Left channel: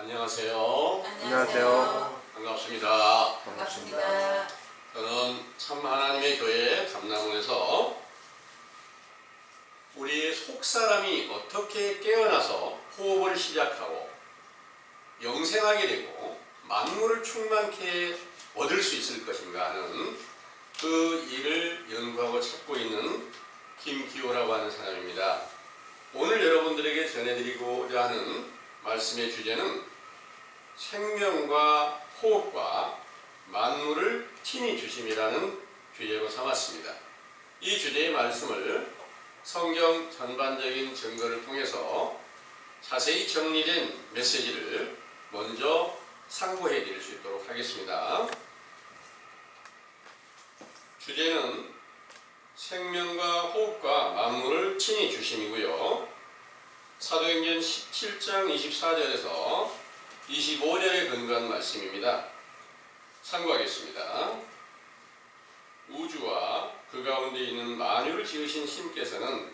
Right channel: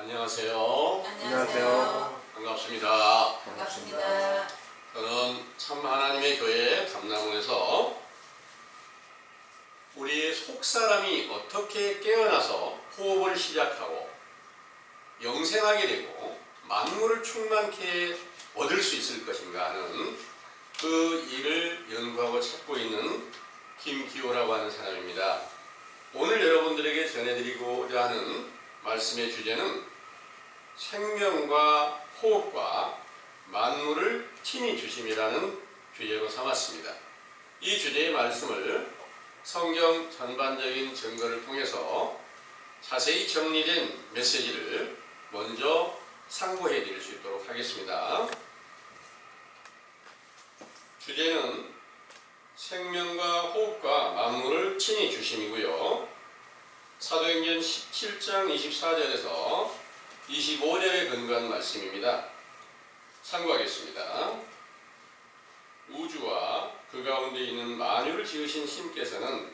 안녕하세요. 안녕하세요. 반갑습니다. 반갑습니다. 저는 참 하나님의 교회 감남원에서 우리의 속사람이 어떻게 깨어나서 호흡을 시작하고 영생하게 되고 만물을 충만케 얻을 수 있을 것인가 하는 그 일을 연구하고 찾고 있는 김기호라고 하는 사람입니다. 오늘 여러분들에게 전해드리고자 하는 말씀의 주제는 생명과 호흡과 만물을 친히 주심이라는 주제로 삼았습니다. 이 주제의 말씀을 성경 전반적인 증거를 통해서 자세히 정리된 메시지를 먼저 상고해 드릴 수 있도록 하겠습니다. 주제는 생명과 호흡과 만물을 친히 주심이고요. 사도행전 17장 24절에서 25절에 근거한 말씀입니다. 참고하겠습니다. 우주와 그 가운데 있는 만유를 지으신 신께서는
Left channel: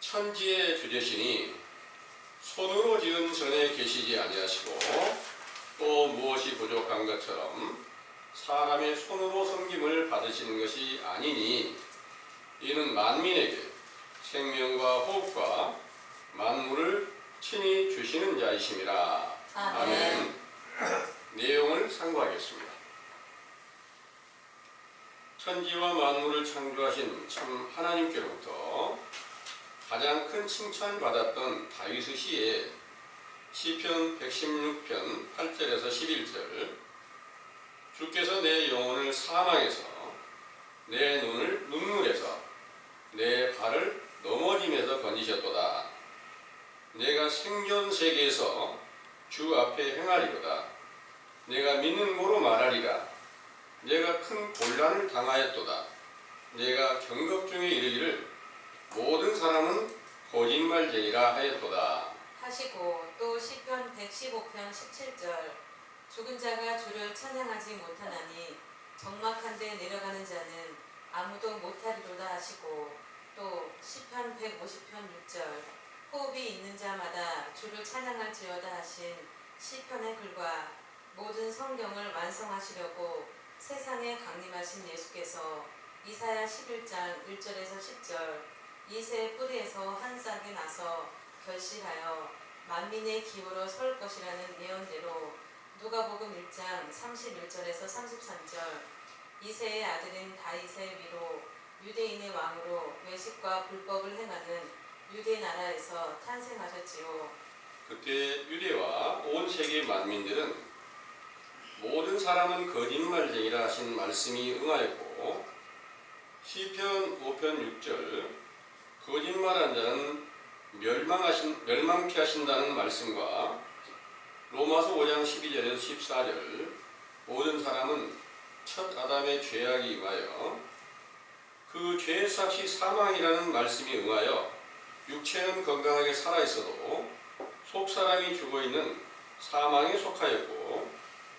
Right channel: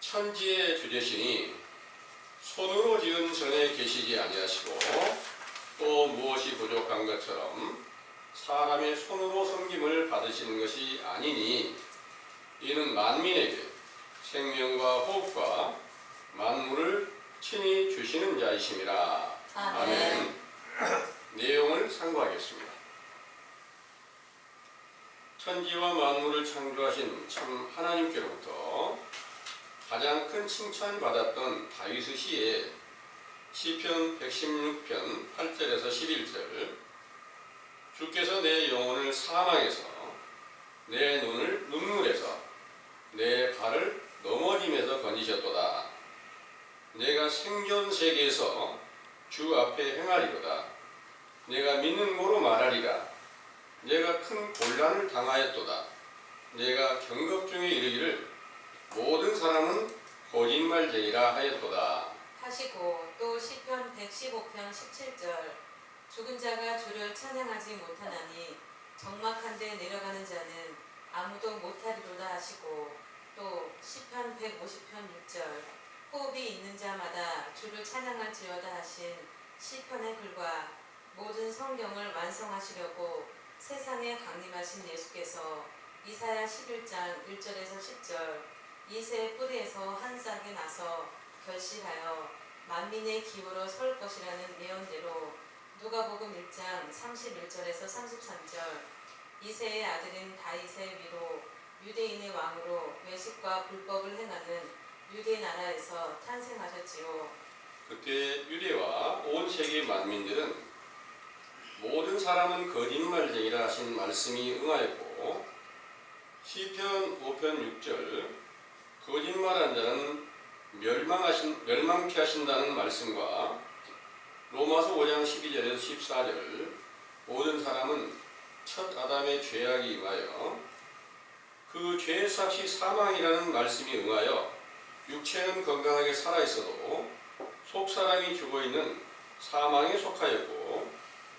천지의 주되시니 손으로 지은 전에 계시지 아니하시고 또 무엇이 부족한 것처럼 사람의 손으로 섬김을 받으시는 것이 아니니 이는 만민에게 생명과 호흡과 만물을 친히 주시는 자이심이라. 아멘. 내용을 상고하겠습니다. 천지와 만물을 창조하신 참 하나님께로부터 가장 큰 칭찬받았던 다윗의 시에 시편 116편 8절에서 11절 주께서 내 영혼을 사망에서 내 눈을 눈물에서 내 발을 넘어짐에서 건지셨도다. 내가 생존 세계에서 주 앞에 행하리로다. 내가 믿는 고로 말하리라. 내가 큰 곤란을 당하였도다. 내가 경급 중에 이르기를 모든 사람은 거짓말쟁이라 하였도다. 하시고 또 시편 115편 17절 죽은 자가 주를 찬양하지 못하나니 적막한 데 내려가는 자는 아무도 못하리로다 하시고 또 시편 150편 6절 호흡이 있는 자마다 주를 찬양할지어다 하신 시편의 글과 모든 성경을 완성하시려고 세상에 강림하신 예수께서 이사야 11장 1절에서 10절 이새의 뿌리에서 한 싹이 나서 결실하여 만민의 기호로 설 것이라는 예언대로 누가복음 1장 31절에서 33절 이새의 아들인 다윗의 위로 유대인의 왕으로 외식과 불법을 행하는 유대 나라에서 탄생하셨지요. 그때 유대와 온 세계 만민들은 모든 사람은 거짓말쟁이라 하신 말씀이 응하였고 시편 5편 6절 거짓말한 자는 멸망케 하신다는 말씀과 로마서 5장 12절에서 14절 모든 사람은 첫 아담의 죄악이 임하여 그 죄의 삭이 사망이라는 말씀이 응하여 육체는 건강하게 살아있어도 속사람이 죽어있는 사망에 속하였고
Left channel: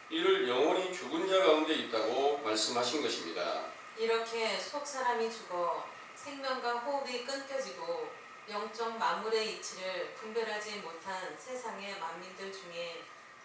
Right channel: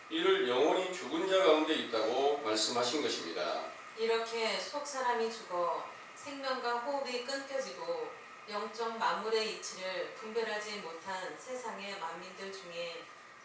이를 영원히 죽은 자 가운데 있다고 말씀하신 것입니다. 이렇게 속사람이 죽어 생명과 호흡이 끊겨지고 영적 만물의 이치를 분별하지 못한 세상의 만민들 중에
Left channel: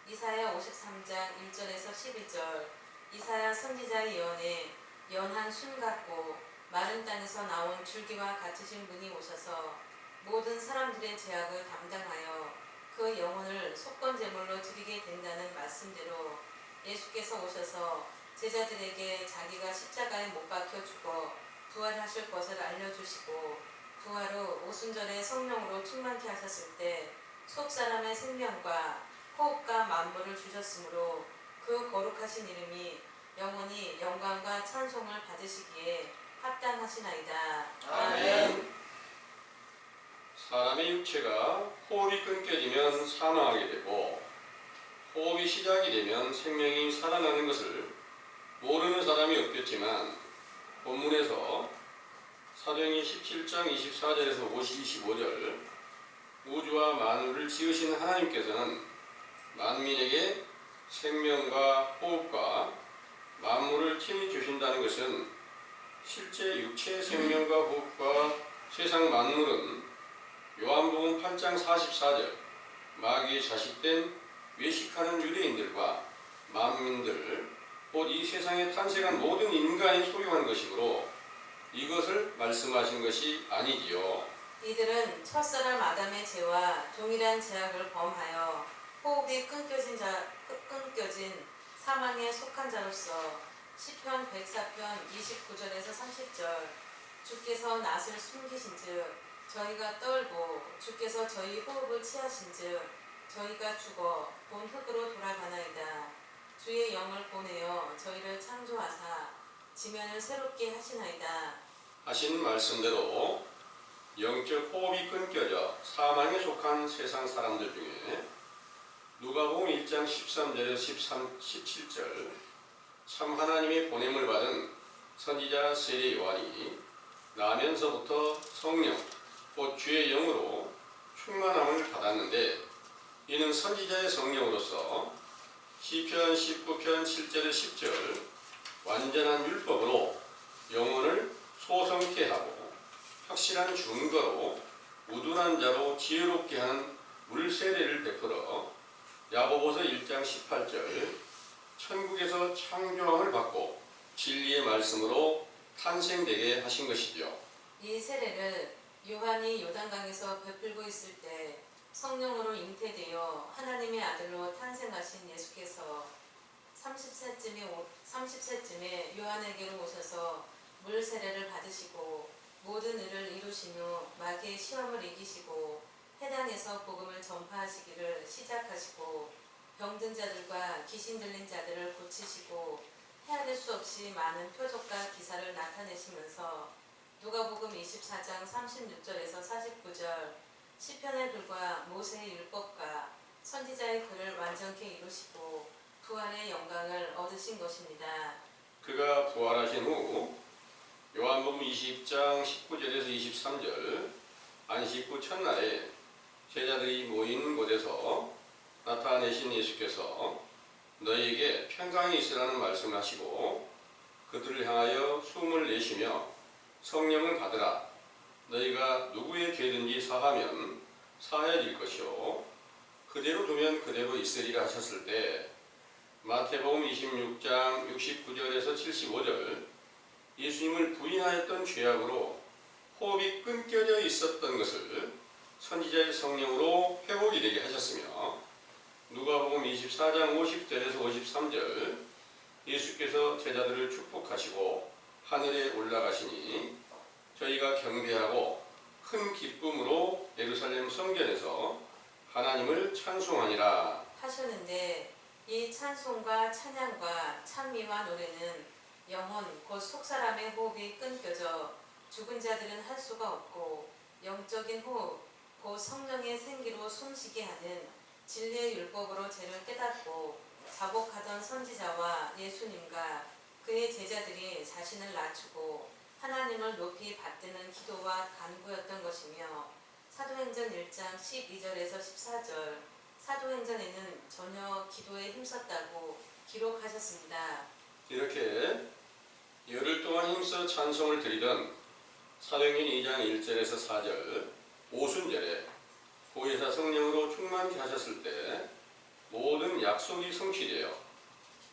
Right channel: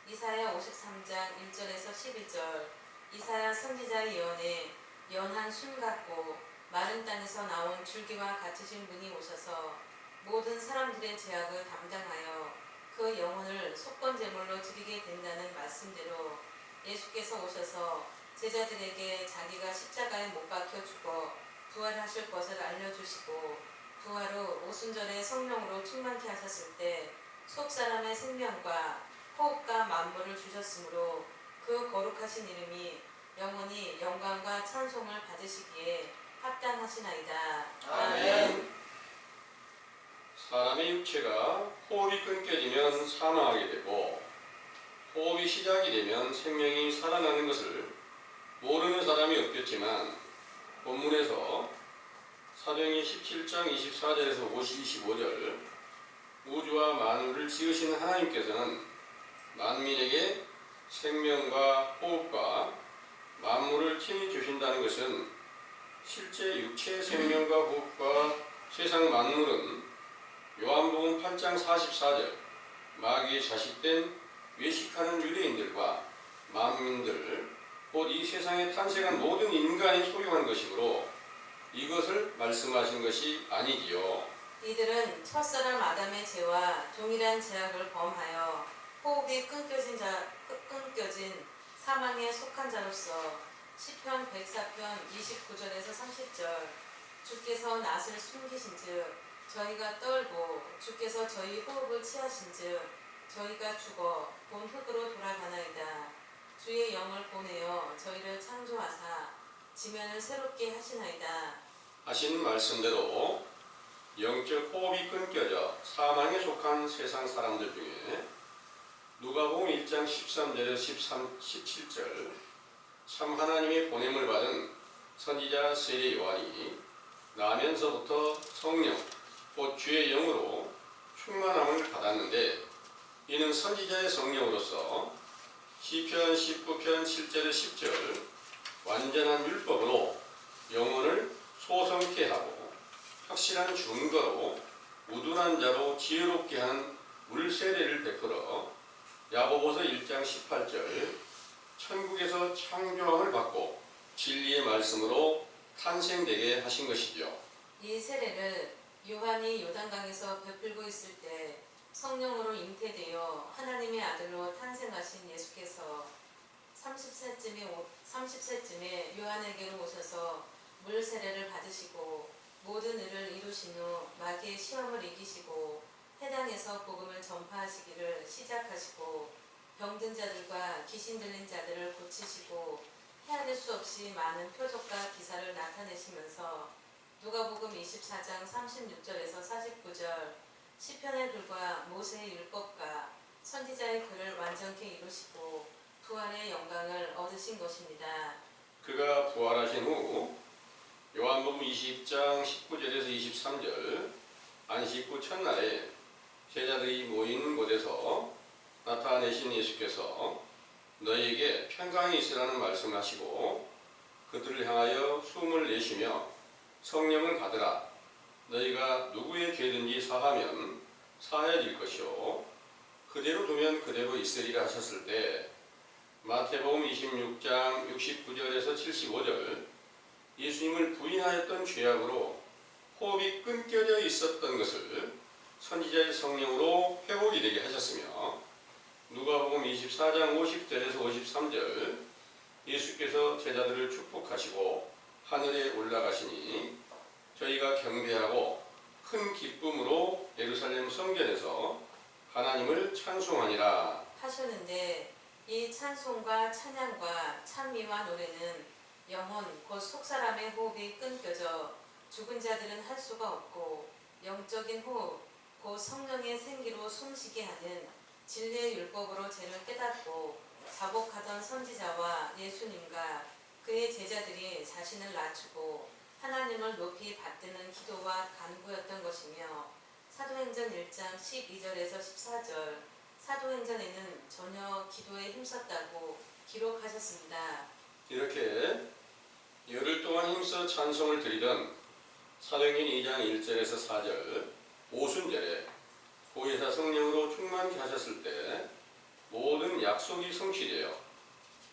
이사야 53장 1절에서 12절 이사야 선지자의 예언에 연한 순 같고 마른 땅에서 나온 줄기와 같으신 분이 오셔서 모든 사람들의 죄악을 담당하여 그 영혼을 속건제물로 드리게 된다는 말씀대로 예수께서 오셔서 제자들에게 자기가 십자가에 못 박혀 죽어 부활하실 것을 알려주시고 부활 후 오순절에 성령으로 충만케 하셨을 때 속사람의 생명과 호흡과 만물을 주셨으므로 그 거룩하신 이름이 영원히 영광과 찬송을 받으시기에 합당하시나이다. 아멘. 사람의 육체가 호흡이 끊겨지면 사망하게 되고 호흡이 시작이 되면 생명이 살아나는 것을 모르는 사람이 없겠지만 본문에서 사도행전 17장 24절에서 25절 우주와 만물을 지으신 하나님께서는 만민에게 생명과 호흡과 만물을 친히 주신다는 것은 실제 육체의 생명과 호흡과 세상 만물은 요한복음 8장 44절 마귀의 자식된 외식하는 유대인들과 만민들 곧 이 세상에 탄생한 모든 인간이 소유한 것이므로 이것을 말씀하신 것이 아니지요. 이들은 첫사람 아담의 죄와 동일한 죄악을 범하여 호흡이 끊겨진 사망에 속한 자로서 시편 104편 29절에서 30절 주께서 낫을 숨기신즉 저희가 떨고 주께서 저희 호흡을 취하신즉 저희가 죽어 본 흙으로 돌아가나이다. 주의 영을 보내어 저희를 창조하사 지면을 새롭게 하시나이다. 하신 말씀대로 영적 호흡이 끊겨져 사망에 속한 세상 사람들 중에 누가복음 1장 13절에서 17절 참 하나님의 보냄을 받은 선지자 세례 요한이 나면서부터 성령 곧 주의 영으로 충만함을 받았는데 이는 선지자의 성령으로서 시편 19편 7절에 10절 완전한 율법으로 영혼을 소성케 하고 확실한 증거로 우둔한 자로 지혜롭게 하는 물세례를 베풀어 야고보서 1장 18절 천국에서 창조함을 받고 진리의 말씀으로 탄생되게 하신 것이죠. 이 세례를 요한이 요단강에서 베풀고 있을 때 성령으로 잉태되어 하나님의 아들로 탄생하신 예수께서 30세쯤에 요한에게로 오셔서 물 세례를 받으시고 모든 일을 이루신 후 마귀의 시험을 이기시고 해당에서 복음을 전파하시기를 시작하시고 병든 자들과 귀신 들린 자들을 고치시고 헤아릴 수 없이 많은 표적과 기사를 나타내시면서 누가복음 24장 36절에서 49절 시편의 글과 모세의 율법과 선지자의 글을 완전케 이루시고 부활의 영광을 얻으신 것입니다. 그가 부활하신 후 요한복음 20장 19절에서 23절 안식 후 첫날에 제자들이 모인 곳에서 나타내신 예수께서 너희에게 평강이 있으라는 말씀을 하시고 그들을 향하여 숨을 내쉬며 성령을 받으라. 너희가 누구의 죄든지 사하면 사해질 것이요 그대로 두면 그대로 있으리라 하셨을 때 마태복음 26장 69절에서 75절 예수님을 부인하였던 죄악으로 호흡이 끊겨져 있었던 것을 선지자의 성령으로 회복이 되게 하셨으며 누가복음 24장 50절에서 53절 예수께서 제자들을 축복하시고 하늘에 올라가시니 저희가 경배하고 큰 기쁨으로 예루살렘 성전에서 하나님을 찬송하니라 하셨는데 이 찬송과 찬양과 찬미와 노래는 영혼 곧 속사람의 호흡이 끊겨져 죽은 자들은 할 수가 없고 영적인 호흡 곧 성령의 생기로 숨쉬게 하는 진리의 율법으로 죄를 깨닫고 자복하던 선지자와 예수님과 그의 제자들이 자신을 낮추고 하나님을 높이 받드는 기도와 간구였던 것이며 사도행전 1장 12절에서 14절 사도행전에는 전혀 기도에 힘썼다고 기록하셨습니다. 이렇게 열흘 동안 힘써 찬송을 드리던 사도행전 2장 1절에서 4절 오순절에 보혜사 성령으로 충만케 하셨을 때 모든 약속이 성취되어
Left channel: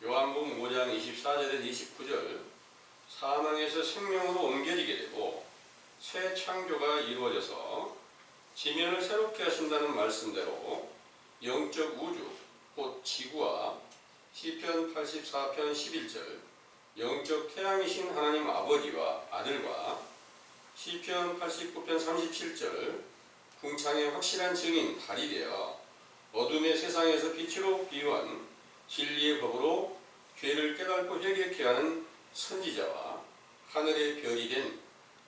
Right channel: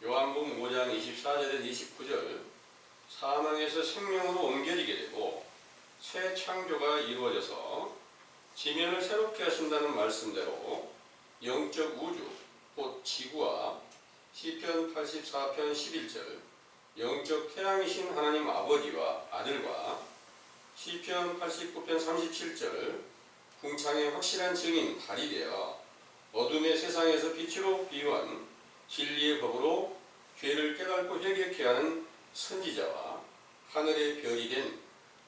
요한복음 5장 24절에서 29절 사망에서 생명으로 옮겨지게 되고 새 창조가 이루어져서 지면을 새롭게 하신다는 말씀대로 영적 우주 곧 지구와 시편 84편 11절 영적 태양이신 하나님 아버지와 아들과 시편 89편 37절 궁창의 확실한 증인 달이 되어 어둠의 세상에서 빛으로 비유한 진리의 법으로 죄를 깨닫고 회개케 하는 선지자와 하늘의 별이 된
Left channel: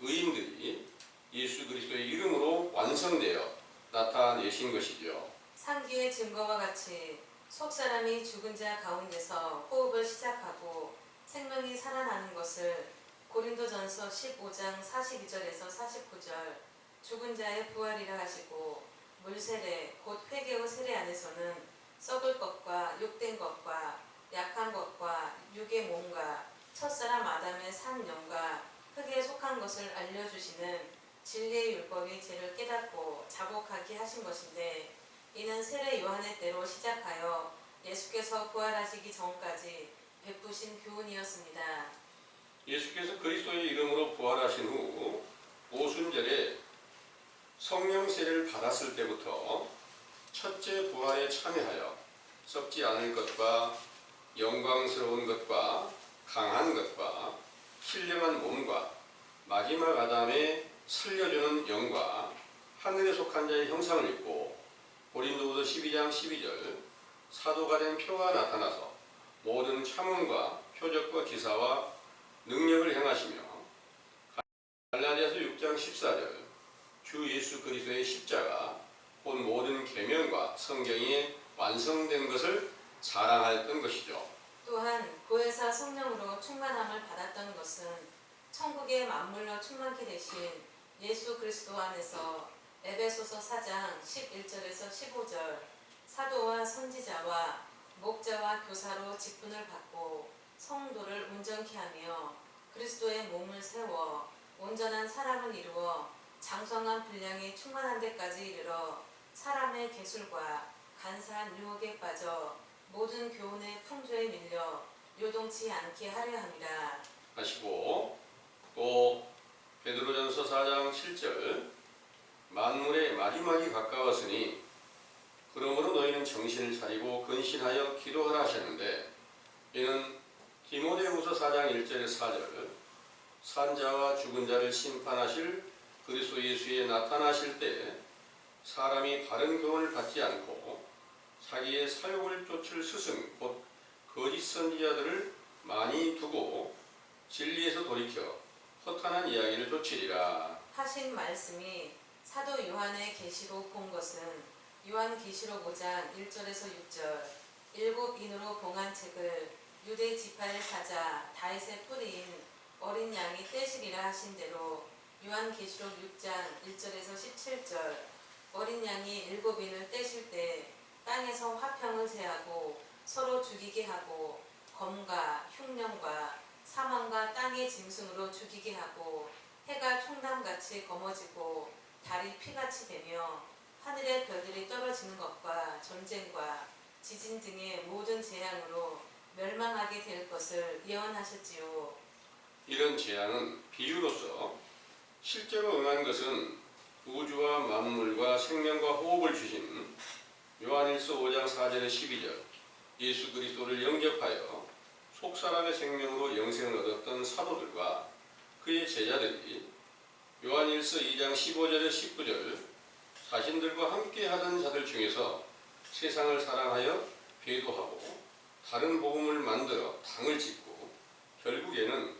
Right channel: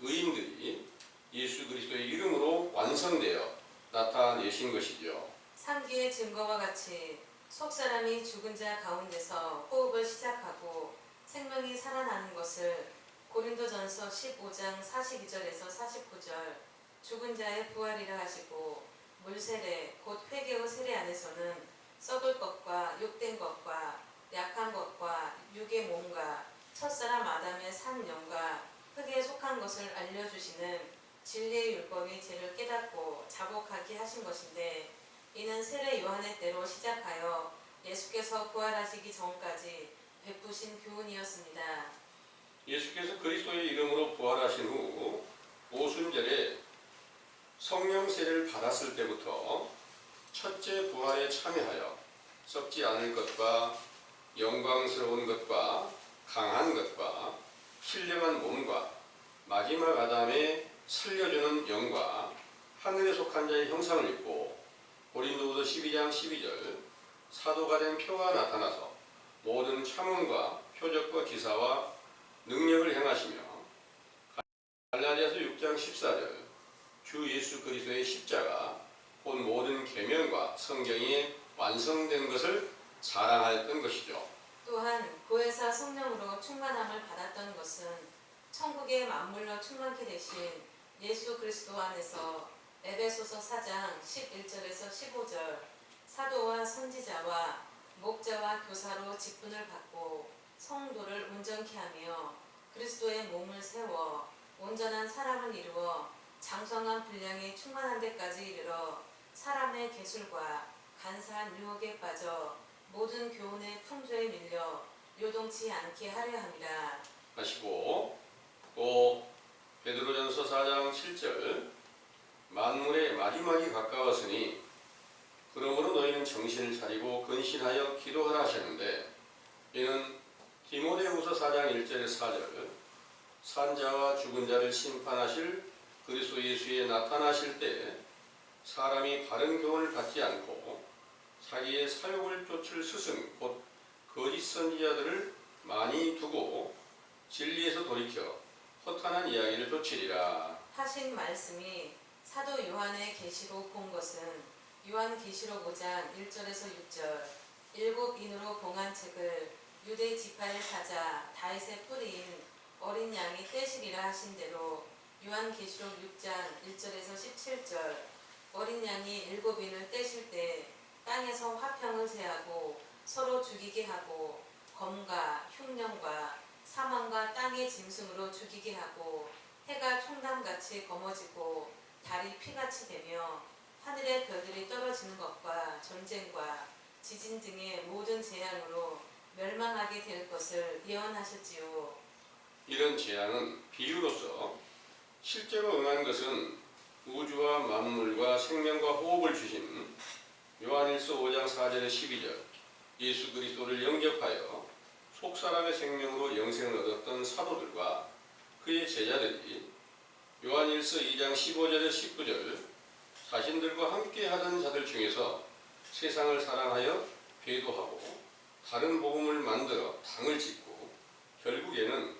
의인들이 예수 그리스도의 이름으로 완성되어 나타내신 것이죠. 상기의 증거와 같이 속사람이 죽은 자 가운데서 호흡을 시작하고 생명이 살아나는 것을 고린도전서 15장 42절에서 49절 죽은 자의 부활이라 하시고 물세례 곧 회개의 세례 안에서는 썩을 것과 욕된 것과 약한 것과 육의 몸과 첫사람 아담의 산 영과 흙에 속한 것을 알려주시는 진리의 율법이 죄를 깨닫고 자복하게 하신 것인데 이는 세례 요한의 때로 시작하여 예수께서 부활하시기 전까지 베푸신 교훈이었습니다. 예수께서 그리스도의 이름으로 부활하신 후 오순절에 성령 세례를 받았을 때부터 첫째 부활에 참여하여 썩지 않을 것과 영광스러운 것과 강한 것과 신령한 몸과 마지막 아담에 살려주는 영과 하늘에 속한 자의 형상을 입고 고린도후서 12장 12절 사도가 된 표가 나타나서 모든 참음과 표적과 기사와 능력을 행하시며 갈라디아서 6장 14절 주 예수 그리스도의 십자가 곧 모든 계명과 성경이 완성된 것을 자랑하였던 것이죠. 또한 보혜사 성령으로 충만함을 받았던 것은 천국의 만물로 충만케 되신 예수 그리스도 안에서 에베소서 4장 11절에서 15절 사도와 선지자와 목자와 교사로 직분을 받고 성도를 온전케 하며 그리스도의 몸을 세워 온전한 사람을 이루어 장성한 분량이 충만한 데까지 이르러 사람의 계술과 간사한 유혹에 빠져 모든 교훈의 풍조에 밀려 요동치 않게 하려 함이라. 하시고 또 베드로전서 4장 7절 만물의 마지막이 가까웠으니 그러므로 너희는 정신을 차리고 근신하여 기도하라 하셨는데 이는 디모데후서 4장 1절에서 4절 산자와 죽은 자를 심판하실 그리스도 예수에 나타나실 때 사람이 바른 교훈을 받지 않고 자기의 사욕을 쫓을 스승 곧 거짓 선지자들을 많이 두고 진리에서 돌이켜 허탄한 이야기를 쫓으리라 하신 말씀이 사도 요한의 계시로 본 것은 요한계시록 5장 1절에서 6절 일곱 인으로 봉한 책을 유대 지파의 사자 다윗의 뿌리인 어린 양이 떼시리라 하신 대로 요한계시록 6장 1절에서 17절 어린 양이 일곱 인을 떼실 때 땅에서 화평을 제하고 서로 죽이게 하고 검과 흉년과 사망과 땅의 짐승으로 죽이게 하고 해가 총남같이 검어지고 달이 피같이 되며 하늘의 별들이 떨어지는 것과 전쟁과 지진 등의 모든 재앙으로 멸망하게 될 것을 예언하셨지요. 이런 재앙은 비유로서 실제로 응한 것은 우주와 만물과 생명과 호흡을 주신 요한일서 5장 4절에 12절 예수 그리스도를 영접하여 속사람의 생명으로 영생을 얻었던 사도들과 그의 제자들이 요한일서 2장 15절에 19절 자신들과 함께 하던 자들 중에서 세상을 사랑하여 배도하고 다른 복음을 만들어 당을 짓고 결국에는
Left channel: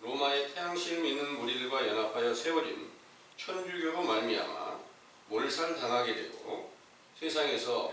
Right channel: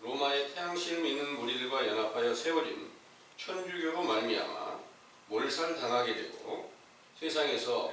로마의 태양신을 믿는 무리들과 연합하여 세워진 천주교로 말미암아 몰살당하게 되고 세상에서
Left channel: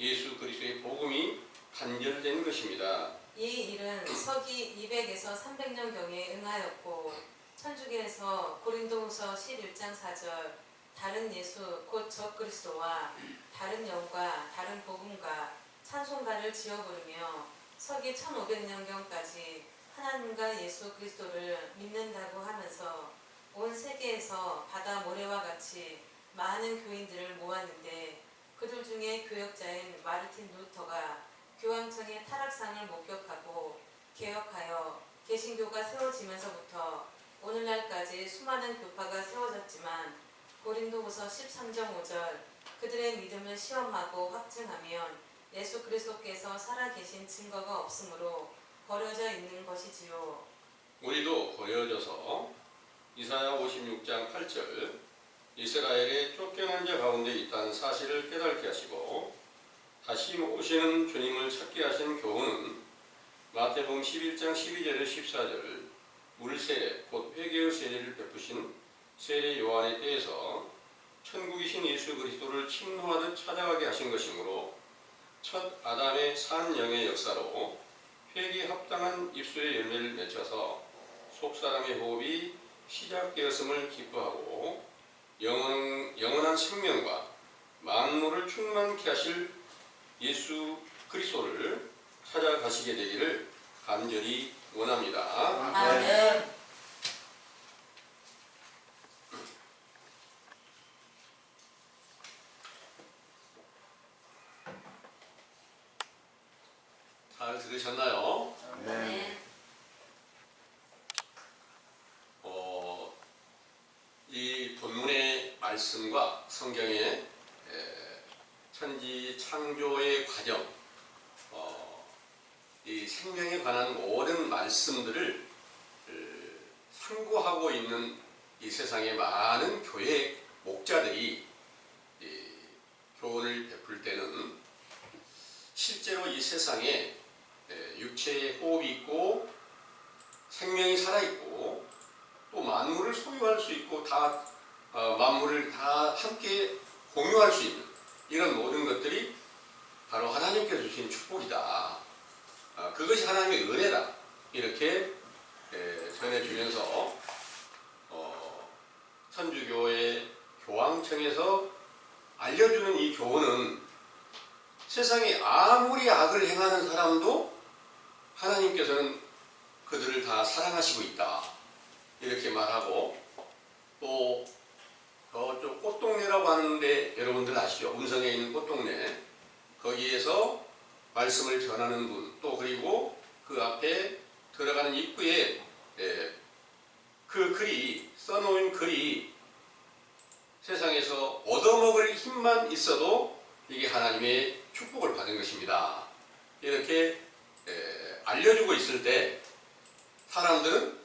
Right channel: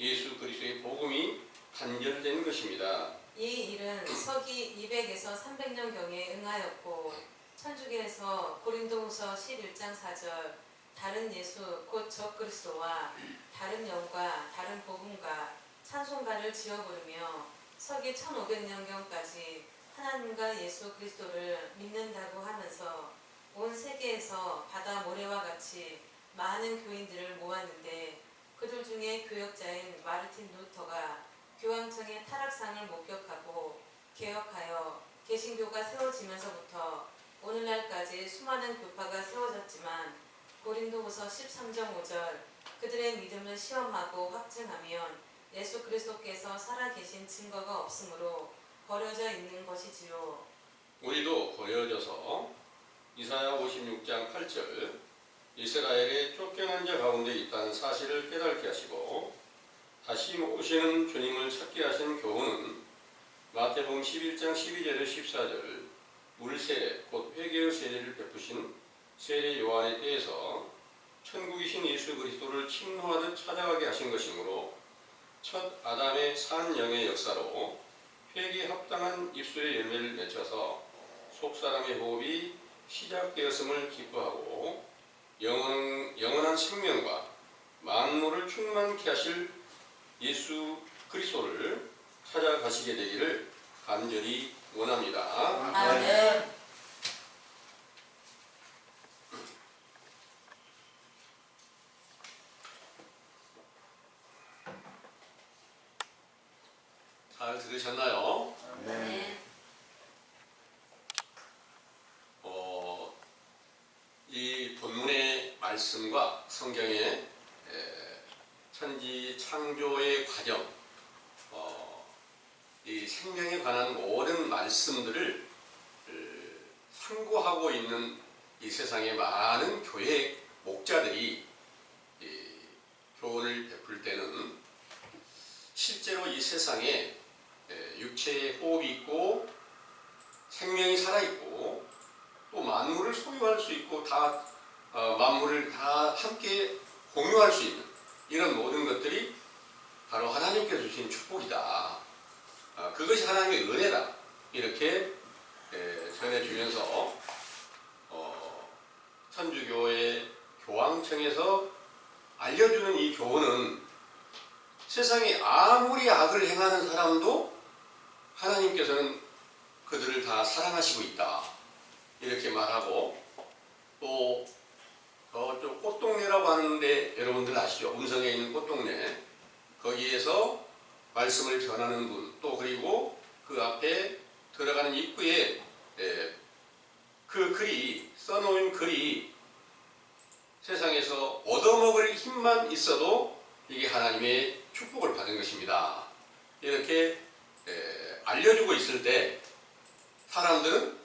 예수 그리스도의 복음이 단절된 것입니다. 이 일은 서기 200에서 300년경에 응하였고 천주교에서 고린도후서 11장 4절 다른 예수 곧 적그리스도와 다른 영과 다른 복음과 찬송가를 지어 부르며 서기 1500년경까지 하나님과 예수 그리스도를 믿는다고 하면서 온 세계에서 바다 모래와 같이 많은 교인들을 모았는데 그들 중에 교역자인 마르틴 루터가 교황청의 타락상을 목격하고 개혁하여 개신교가 세워지면서부터 오늘날까지 수많은 교파가 세워졌지만 고린도후서 13장 5절 그들의 믿음을 시험하고 확증하면 예수 그리스도께서 살아계신 증거가 없으므로 버려져 있는 것이지요. 우리도 버려져서 이사야 56장 8절 이스라엘의 쫓겨난 자 가운데 있다는 사실을 깨닫게 하시고 다시 오시는 주님을 찾게 하신 교훈은 마태복음 11장 12절에 14절 물세례 곧 회개의 세례를 베푸신 세례 요한의 때에서 천국이신 예수 그리스도를 침노하듯 찾아가게 하신 것이므로 첫 아담의 산 영의 역사로 회개에 합당한 입술의 열매를 맺혀서 속사람의 호흡이 시작되었음을 기뻐하고 영원한 생명과 만물을 충만케 하실 예수 그리스도를 찾아가시게 되기를 간절히 원합니다. 아멘. 잘 들으셨나요? 네. 이 본문의 말씀과 성경의 천지 창조의 과정, 이 생명에 관한 모든 말씀들을 상고하고 있는 이 세상의 많은 교회 목자들이 교훈을 베풀 때는 실제로 이 세상에 육체의 호흡이 있고 생명이 살아있고 또 만물을 소유할 수 있고 다 만물을 다 함께 공유할 수 있는 이런 모든 것들이 바로 하나님께서 주신 축복이다. 그것이 하나님의 은혜다. 이렇게 전해주면서 천주교의 교황청에서 알려주는 이 교훈은 세상에 아무리 악을 행하는 사람도 하나님께서는 그들을 다 사랑하시고 있다. 이렇게 말하고 또 저쪽 꽃동네라고 하는데 여러분들 아시죠? 음성에 있는 꽃동네 거기에서 말씀을 전하는 분 또 그리고 그 앞에 들어가는 입구에 그 글이 써놓은 글이 세상에서 얻어먹을 힘만 있어도 이게 하나님의 축복을 받은 것입니다. 이렇게 알려주고 있을 때 사람들은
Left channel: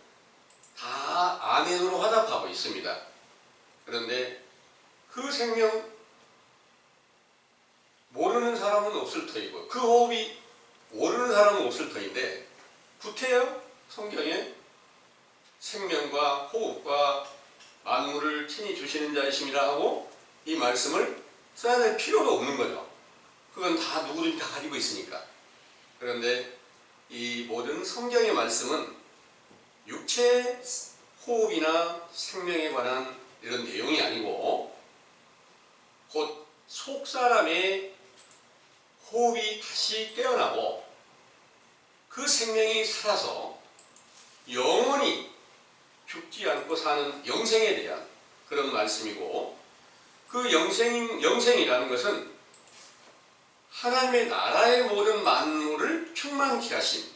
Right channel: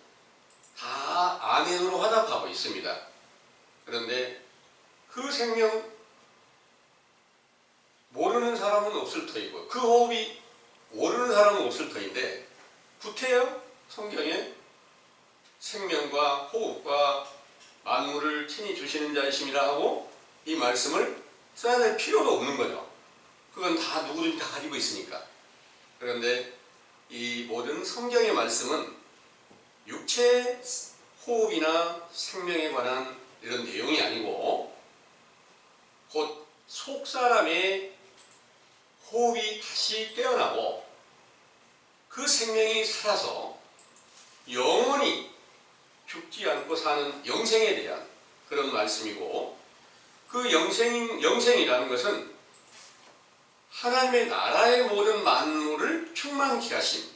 다 아멘으로 화답하고 있습니다. 그런데 그 생명 모르는 사람은 없을 터이고 그 호흡이 모르는 사람은 없을 터인데 구태여 성경에 생명과 호흡과 만물을 친히 주시는 자이심이라 하고 이 말씀을 써야 될 필요도 없는 거죠. 그건 다 누구든지 다 가지고 있으니까. 그런데 이 모든 성경의 말씀은 육체 호흡이나 생명에 관한 이런 내용이 아니고 곧 속사람의 호흡이 다시 깨어나고 그 생명이 살아서 영원히 죽지 않고 사는 영생에 대한 그런 말씀이고 그 영생이라는 것은 하나님의 나라의 모든 만물을 충만케 하신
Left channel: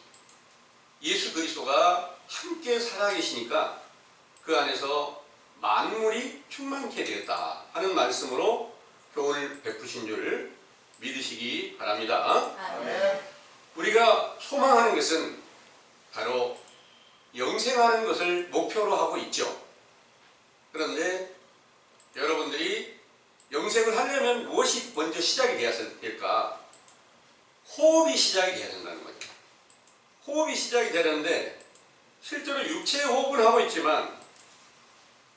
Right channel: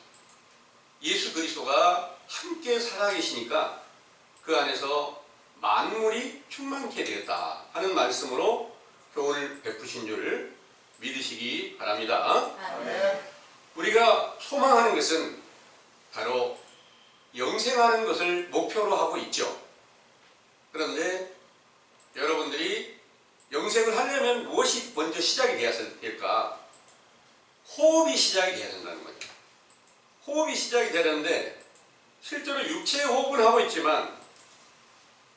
예수 그리스도가 함께 살아계시니까 그 안에서 만물이 충만케 되었다 하는 말씀으로 교훈을 베푸신 줄 믿으시기 바랍니다. 아멘. 우리가 소망하는 것은 바로 영생하는 것을 목표로 하고 있죠. 그런데 여러분들이 영생을 하려면 무엇이 먼저 시작이 되어야 될까? 호흡이 시작이 되어야 된다는 거죠. 호흡이 시작이 되는데 실제로 육체의 호흡을 하고 있지만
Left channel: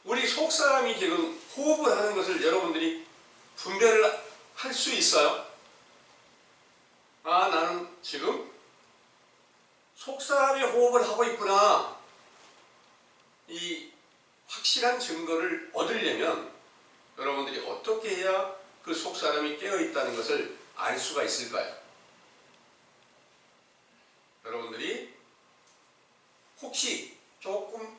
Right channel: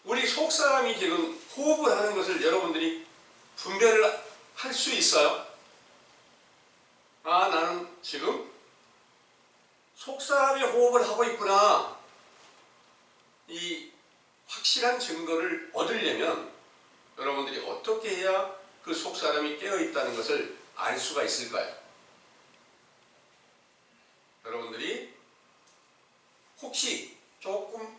우리 속사람이 지금 호흡을 하는 것을 여러분들이 분별을 할 수 있어요? 나는 지금 속사람의 호흡을 하고 있구나. 이 확실한 증거를 얻으려면 여러분들이 어떻게 해야 그 속사람이 깨어있다는 것을 알 수가 있을까요? 여러분들이 혹시 조금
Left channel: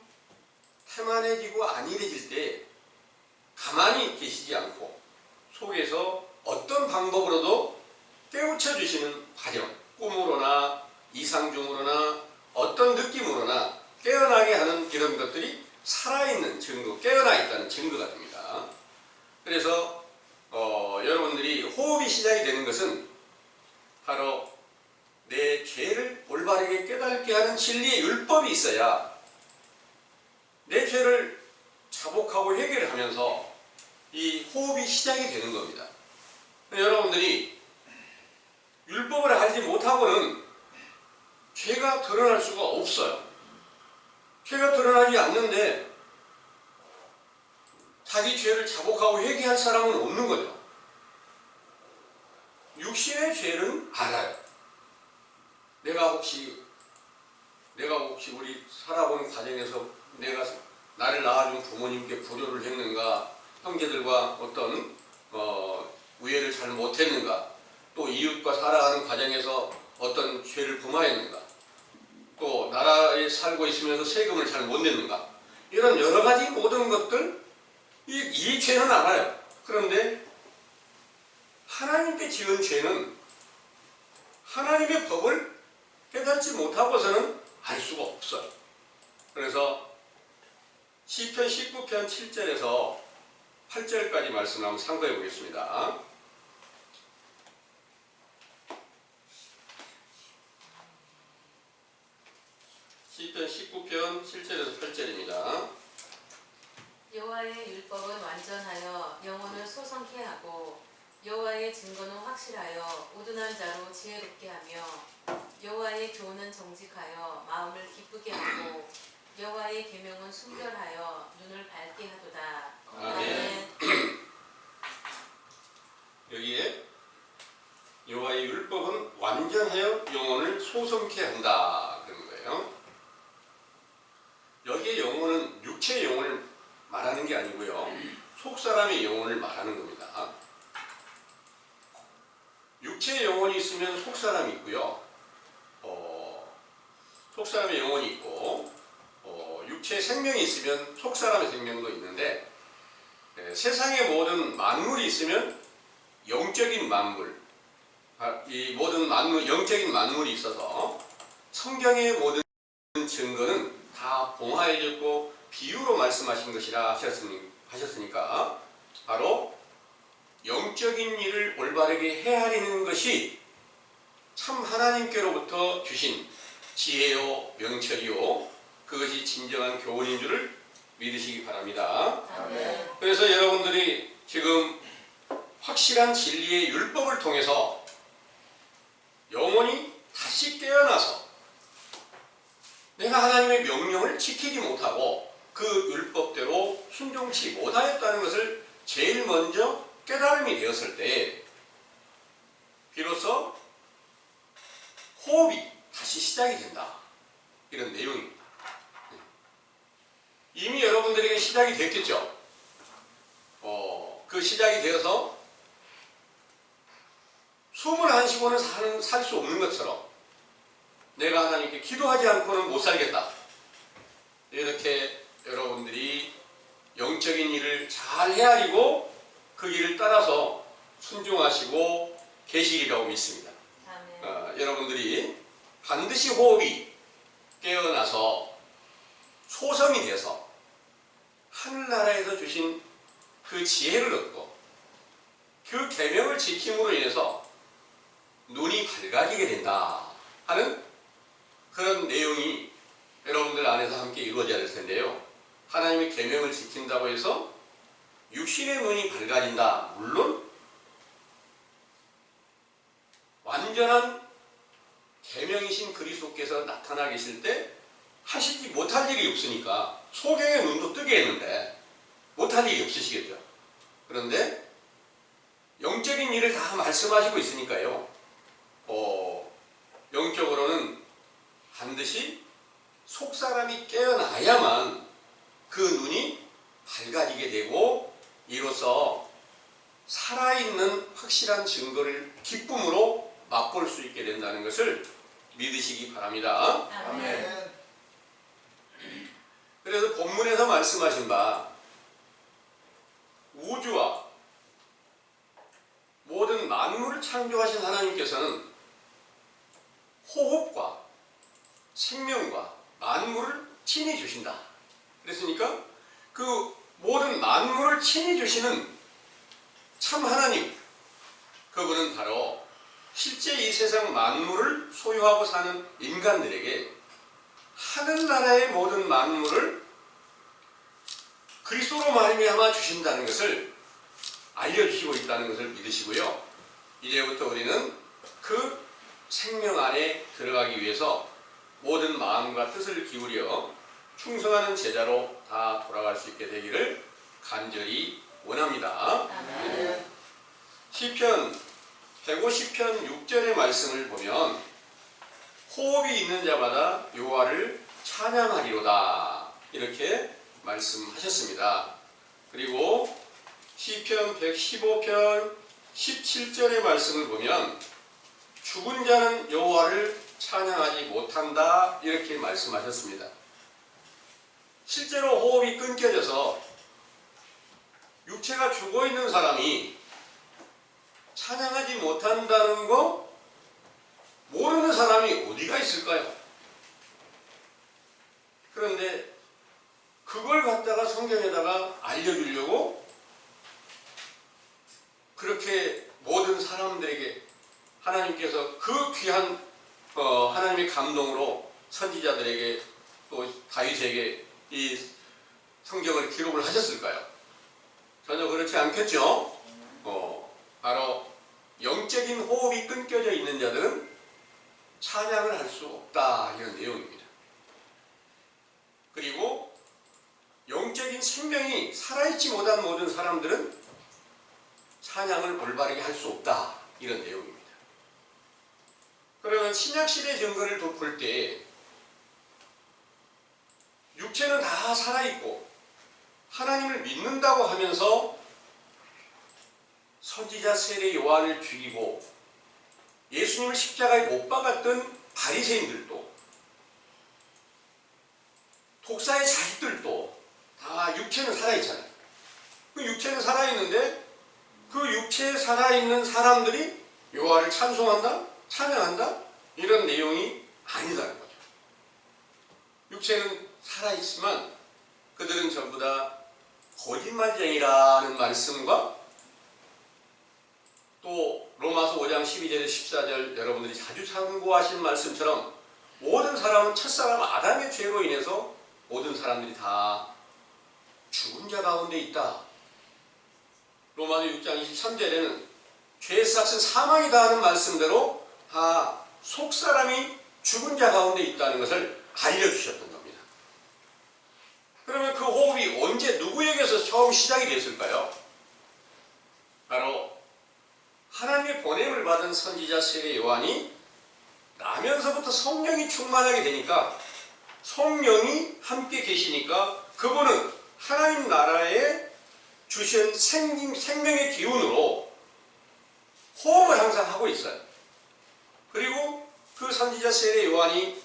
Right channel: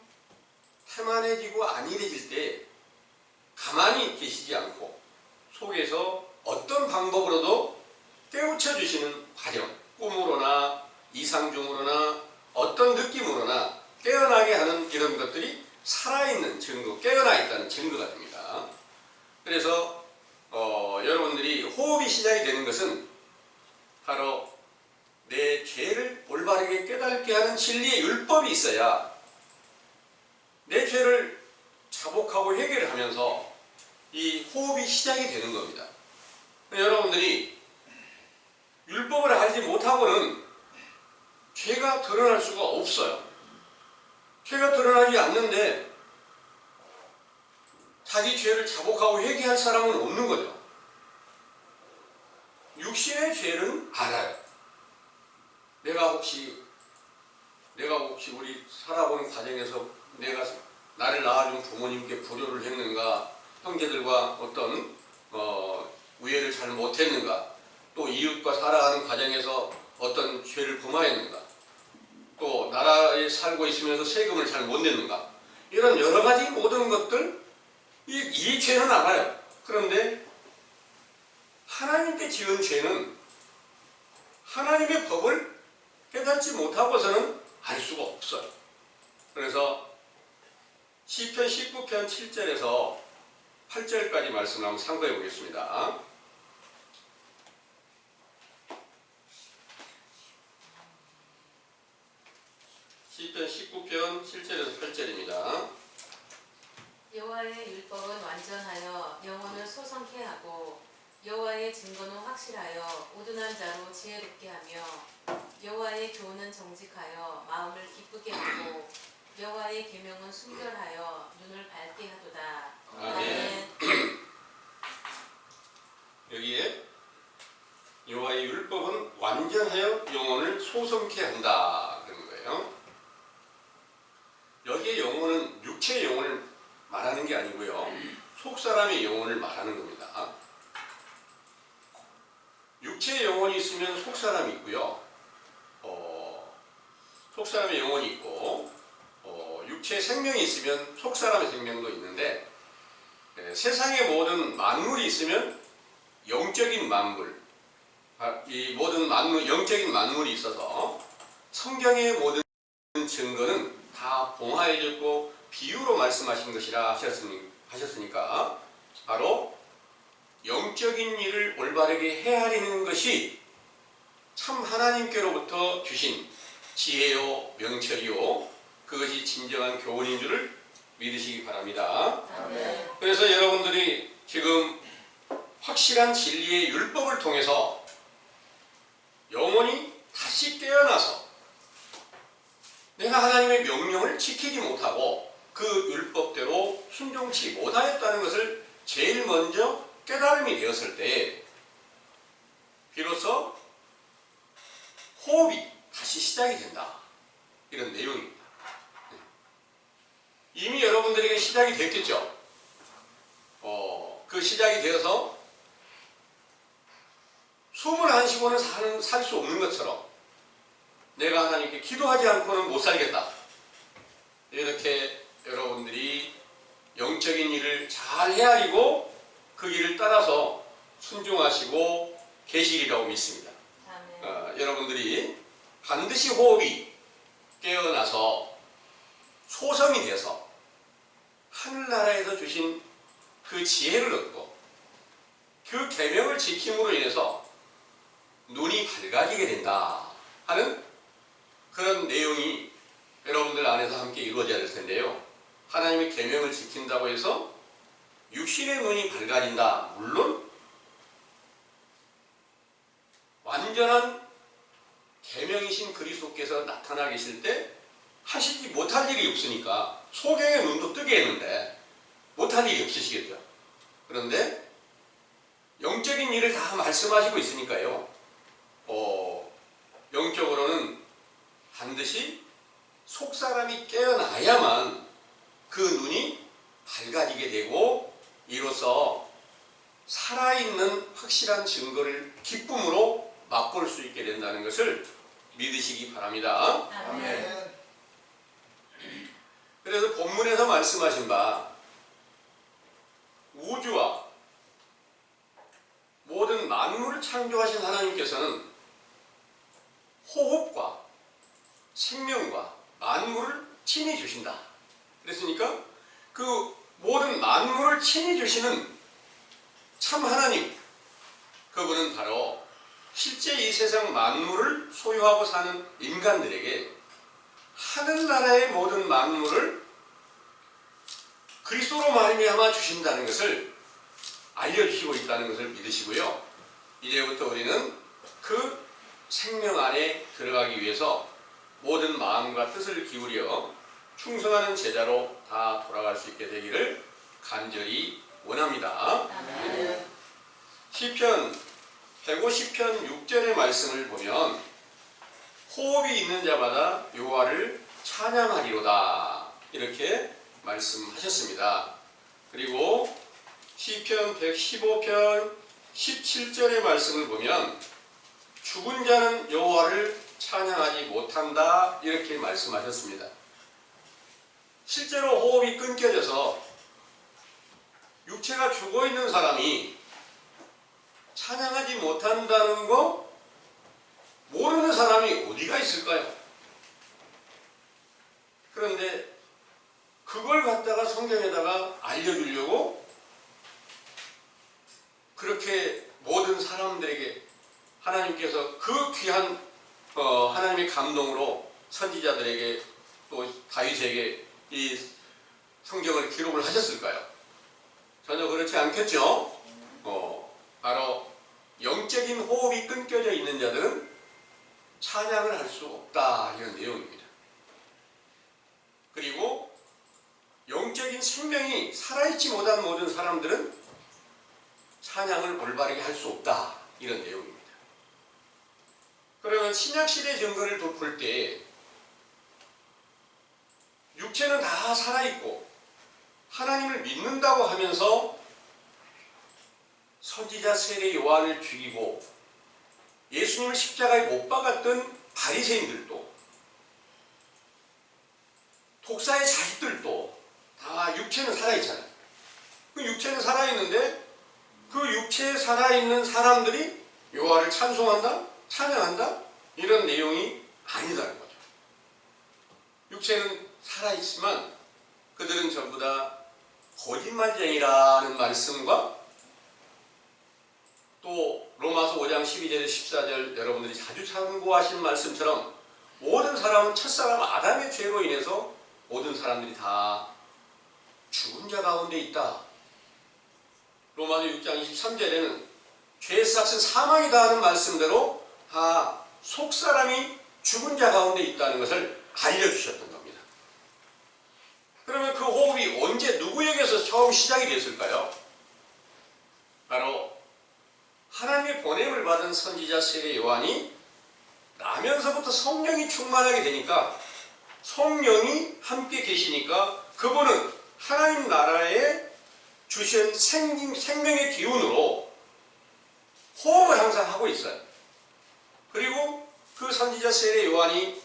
태만해지고 안일해질 때 가만히 계시지 않고 속에서 어떤 방법으로도 깨우쳐 주시는 과정, 꿈으로나 이상중으로나 어떤 느낌으로나 깨어나게 하는 이런 것들이 살아있는 증거, 깨어나 있다는 증거가 됩니다. 그래서 여러분들이 호흡이 시작이 되는 것은 바로 내 죄를 올바르게 깨닫게 하는 진리의 율법이 있어야 내 죄를 자복하고 해결하면서 이 호흡이 시작이 되는 겁니다. 여러분들이 율법을 알지 못하고는 죄가 드러날 수가 없어요. 죄가 드러나지 않는데 자기 죄를 자복하고 회개할 사람은 없는 거죠. 육신의 죄는 알아요. 내가 혹시 우리 살아본 과정에서 내가 나를 낳아준 부모님께 불효를 했는가, 형제들과 어떤 우애를 잘 못했는가, 또 이웃과 살아가는 과정에서 어떤 죄를 범하였는가, 또 나라에 살고 있으면서 세금을 잘 못 냈는가, 이런 여러 가지 모든 것들 이 죄는 알아요. 그런데 하나님께 지은 죄는 하나님의 법을 깨닫지 못하고서는 알 수가 없어요. 그래서 시편 19편 7절에서 8절까지 말씀을 한번 참고해 보겠습니다. 시편 19편 7절에서 8절입니다. 여호와의 율법은 완전하여 영혼을 소성케 하고 여호와의 증거는 확실하여 우둔한 자로 지혜롭게 하며 여호와의 교훈은 정직하여 마음을 기쁘게 하고 여호와의 계명은 순결하여 눈을 밝게 하도다. 아멘. 여기에 여호와의 율법은 완전하여 영혼을 소성케 한다 그런 거예요. 여기에 영혼은 육체의 영혼을 말하는 게 아니고요, 속사람의 영혼을 말하는 겁니다. 육체의 영혼이 있으면 속사람이 있고요, 속사람의 영혼이 있고, 육체의 생명이 있으면 속사람의 생명도 있는데, 세상의 모든 만물이 있으면 영적인 만물, 이 모든 만물, 영적인 만물이 있어서 성경의 모든 증거는 다 봉하여졌고 비유로 말씀하신 것이라 하셨으니까 바로 영적인 일을 올바르게 헤아리는 것이 참 하나님께로부터 주신 지혜요 명철이요 그것이 진정한 교훈인 줄을 믿으시기 바랍니다. 아멘. 그래서 여러분들이 지금 확실한 진리의 율법을 통해서 영혼이 다시 깨어나서 내가 하나님의 명령을 지키지 못하고 그 율법대로 순종치 못하였다는 것을 제일 먼저 깨달음이 되었을 때 비로소 호흡이 다시 시작이 된다. 이런 내용입니다. 이미 여러분들에게 시작이 됐겠죠. 그 시작이 되어서 숨을 안 쉬고는 살 수 없는 것처럼 내가 하나님께 기도하지 않고는 못 살겠다. 이렇게 여러분들이 영적인 일을 잘 헤아리고 그 길을 따라서 순종하시고 계시리라고 믿습니다. 여러분들이 반드시 호흡이 깨어나서 소성이 돼서 하늘나라에서 주신 그 지혜를 얻고 그 계명을 지킴으로 인해서 눈이 밝아지게 된다 하는 그런 내용이 여러분들 안에서 함께 이루어져야 될 텐데요. 하나님의 계명을 지킨다고 해서 육신의 눈이 밝아진다. 물론 완전한 계명이신 그리스도께서 나타나 계실 때 하시지 못할 일이 없으니까 소경의 눈도 뜨게 했는데 못할 일이 없으시겠죠. 그런데 영적인 일을 다 말씀하시고 있으니까요. 영적으로는 반드시 속사람이 깨어나야만 그 눈이 밝아지게 되고 이로써 살아있는 확실한 증거를 기쁨으로 맛볼 수 있게 된다는 것을 믿으시기 바랍니다. 아멘. 그래서 본문에서 말씀하신 바 우주와 모든 만물을 창조하신 하나님께서는 호흡과 생명과 만물을 친히 주신다. 그랬으니까 그 모든 만물을 친히 주시는 참 하나님, 그분은 바로 실제 이 세상 만물을 소유하고 사는 인간들에게 하늘나라의 모든 만물을 그리스도로 말미암아 주신다는 것을 알려주시고 있다는 것을 믿으시고요. 이제부터 우리는 그 생명 안에 들어가기 위해서 모든 마음과 뜻을 기울여 충성하는 제자로 다 돌아갈 수 있게 되기를 간절히 원합니다. 아멘. 시편 150편 6절의 말씀을 보면 호흡이 있는 자마다 여호와를 찬양하리로다 이렇게 말씀하셨습니다. 그리고 시편 115편 17절의 말씀을 보면 죽은 자는 여호와를 찬양하지 못한다 이렇게 말씀하셨습니다. 실제로 호흡이 끊겨져서 육체가 죽어있는 사람이 찬양하지 못한다는 거 모르는 사람이 어디가 있을까요? 그런데 그걸 갖다가 성경에다가 알려주려고 그렇게 모든 사람들에게 하나님께서 그 귀한 하나님의 감동으로 선지자들에게 또 다윗에게 이 성경을 기록을 하셨을까요? 전혀 그렇지 않겠죠. 바로 영적인 호흡이 끊겨져 있는 자들은 찬양을 할 수 없다, 이런 내용입니다. 그리고 영적인 생명이 살아있지 못한 모든 사람들은 찬양을 올바르게 할 수 없다, 이런 내용입니다. 그러면 신약시대 증거를 볼 때 육체는 다 살아있고 하나님을 믿는다고 하면서 선지자 세례 요한을 죽이고 예수님을 십자가에 못 박았던 바리새인들도 독사의 자식들도 다 육체는 살아있잖아요. 그 육체는 살아있는데 그 육체에 살아있는 사람들이 여호와를 찬송한다? 찬양한다? 이런 내용이 아니다는 거죠. 육체는 살아있지만 그들은 전부 다 거짓말쟁이라는 말씀과 또 로마서 5장 12절 14절 여러분들이 자주 참고하신 말씀처럼 모든 사람은 첫사람 아담의 죄로 인해서 모든 사람들이 다 죽은 자 가운데 있다. 로마서 6장 23절에는 죄의 삭은 사망이다 하는 말씀대로 다 속사람이 죽은 자 가운데 있다는 것을 알려주셨던 겁니다. 그러면 그 호흡이 언제 누구에게서 처음 시작이 됐을까요? 바로 하나님의 보냄을 받은 선지자 세례 요한이 나면서부터 성령이 충만하게 되니까 성령이 함께 계시니까 그분은 하나님 나라에 주신 생명의 기운으로 호흡을 항상 하고 있어요. 그리고 그 선지자 세례 요한이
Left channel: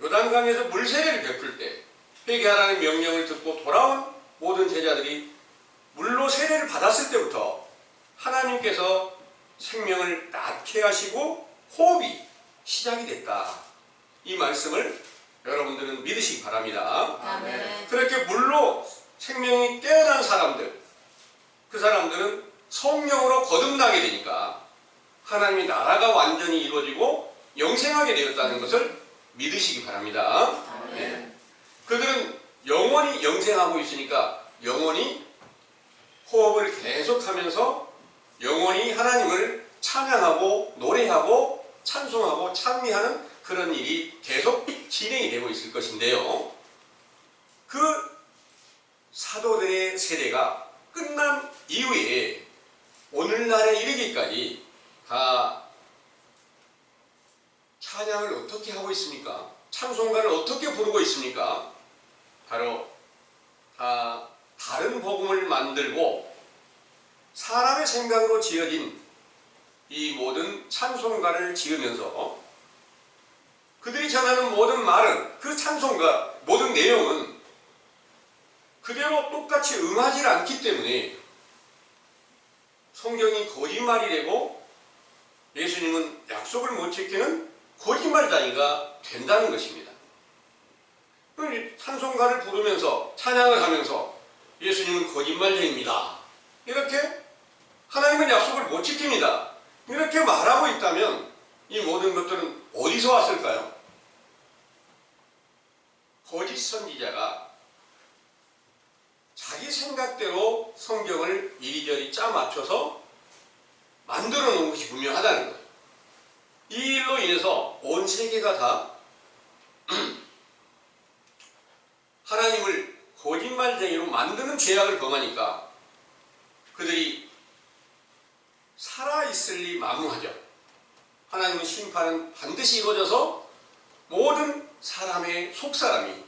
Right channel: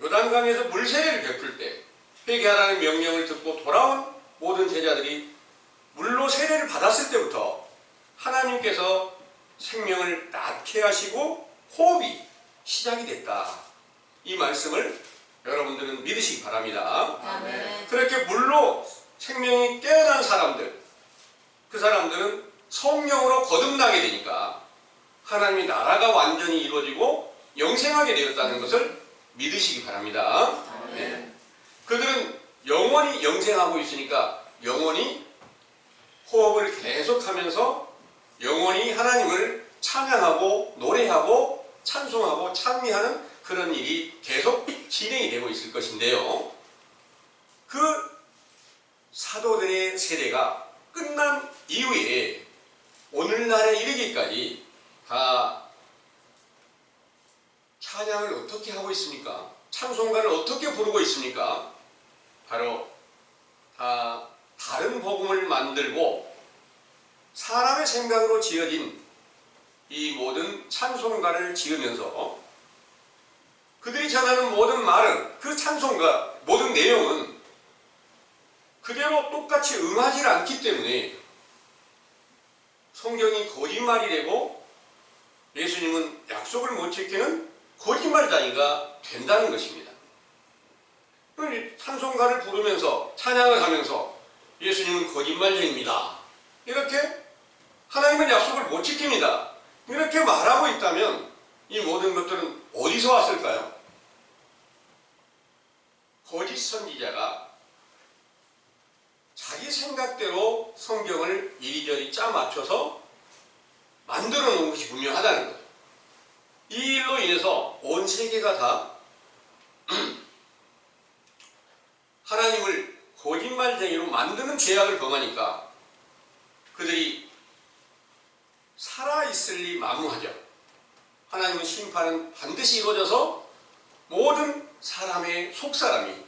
요단강에서 물세례를 베풀 때 회개하라는 명령을 듣고 돌아온 모든 제자들이 물로 세례를 받았을 때부터 하나님께서 생명을 낳게 하시고 호흡이 시작이 됐다. 이 말씀을 여러분들은 믿으시기 바랍니다. 아멘. 그렇게 물로 생명이 깨어난 사람들, 그 사람들은 성령으로 거듭나게 되니까 하나님의 나라가 완전히 이루어지고 영생하게 되었다는 것을 믿으시기 바랍니다. 네. 그들은 영원히 영생하고 있으니까 영원히 호흡을 계속하면서 영원히 하나님을 찬양하고 노래하고 찬송하고 찬미하는 그런 일이 계속 진행이 되고 있을 것인데요. 그 사도들의 세대가 끝난 이후에 오늘날에 이르기까지 다 찬양을 어떻게 하고 있습니까? 찬송가를 어떻게 부르고 있습니까? 바로 다 다른 복음을 만들고 사람의 생각으로 지어진 이 모든 찬송가를 지으면서 그들이 전하는 모든 말은 그 찬송가 모든 내용은 그대로 똑같이 응하지 않기 때문에 성경이 거짓말이 되고 예수님은 약속을 못 지키는 거짓말다니가 된다는 것입니다. 찬송가를 부르면서 찬양을 하면서 예수님은 거짓말쟁입니다. 이렇게 하나님은 약속을 못 지킵니다. 이렇게 말하고 있다면 이 모든 것들은 어디서 왔을까요? 거짓 선지자가 자기 생각대로 성경을 이리저리 짜맞춰서 만들어 놓은 것이 분명하다는 거예요. 이 일로 인해서 온 세계가 다 하나님을 거짓말쟁이로 만드는 죄악을 범하니까 그들이 살아있을리 만무하죠. 하나님의 심판은 반드시 이루어져서 모든 사람의 속사람이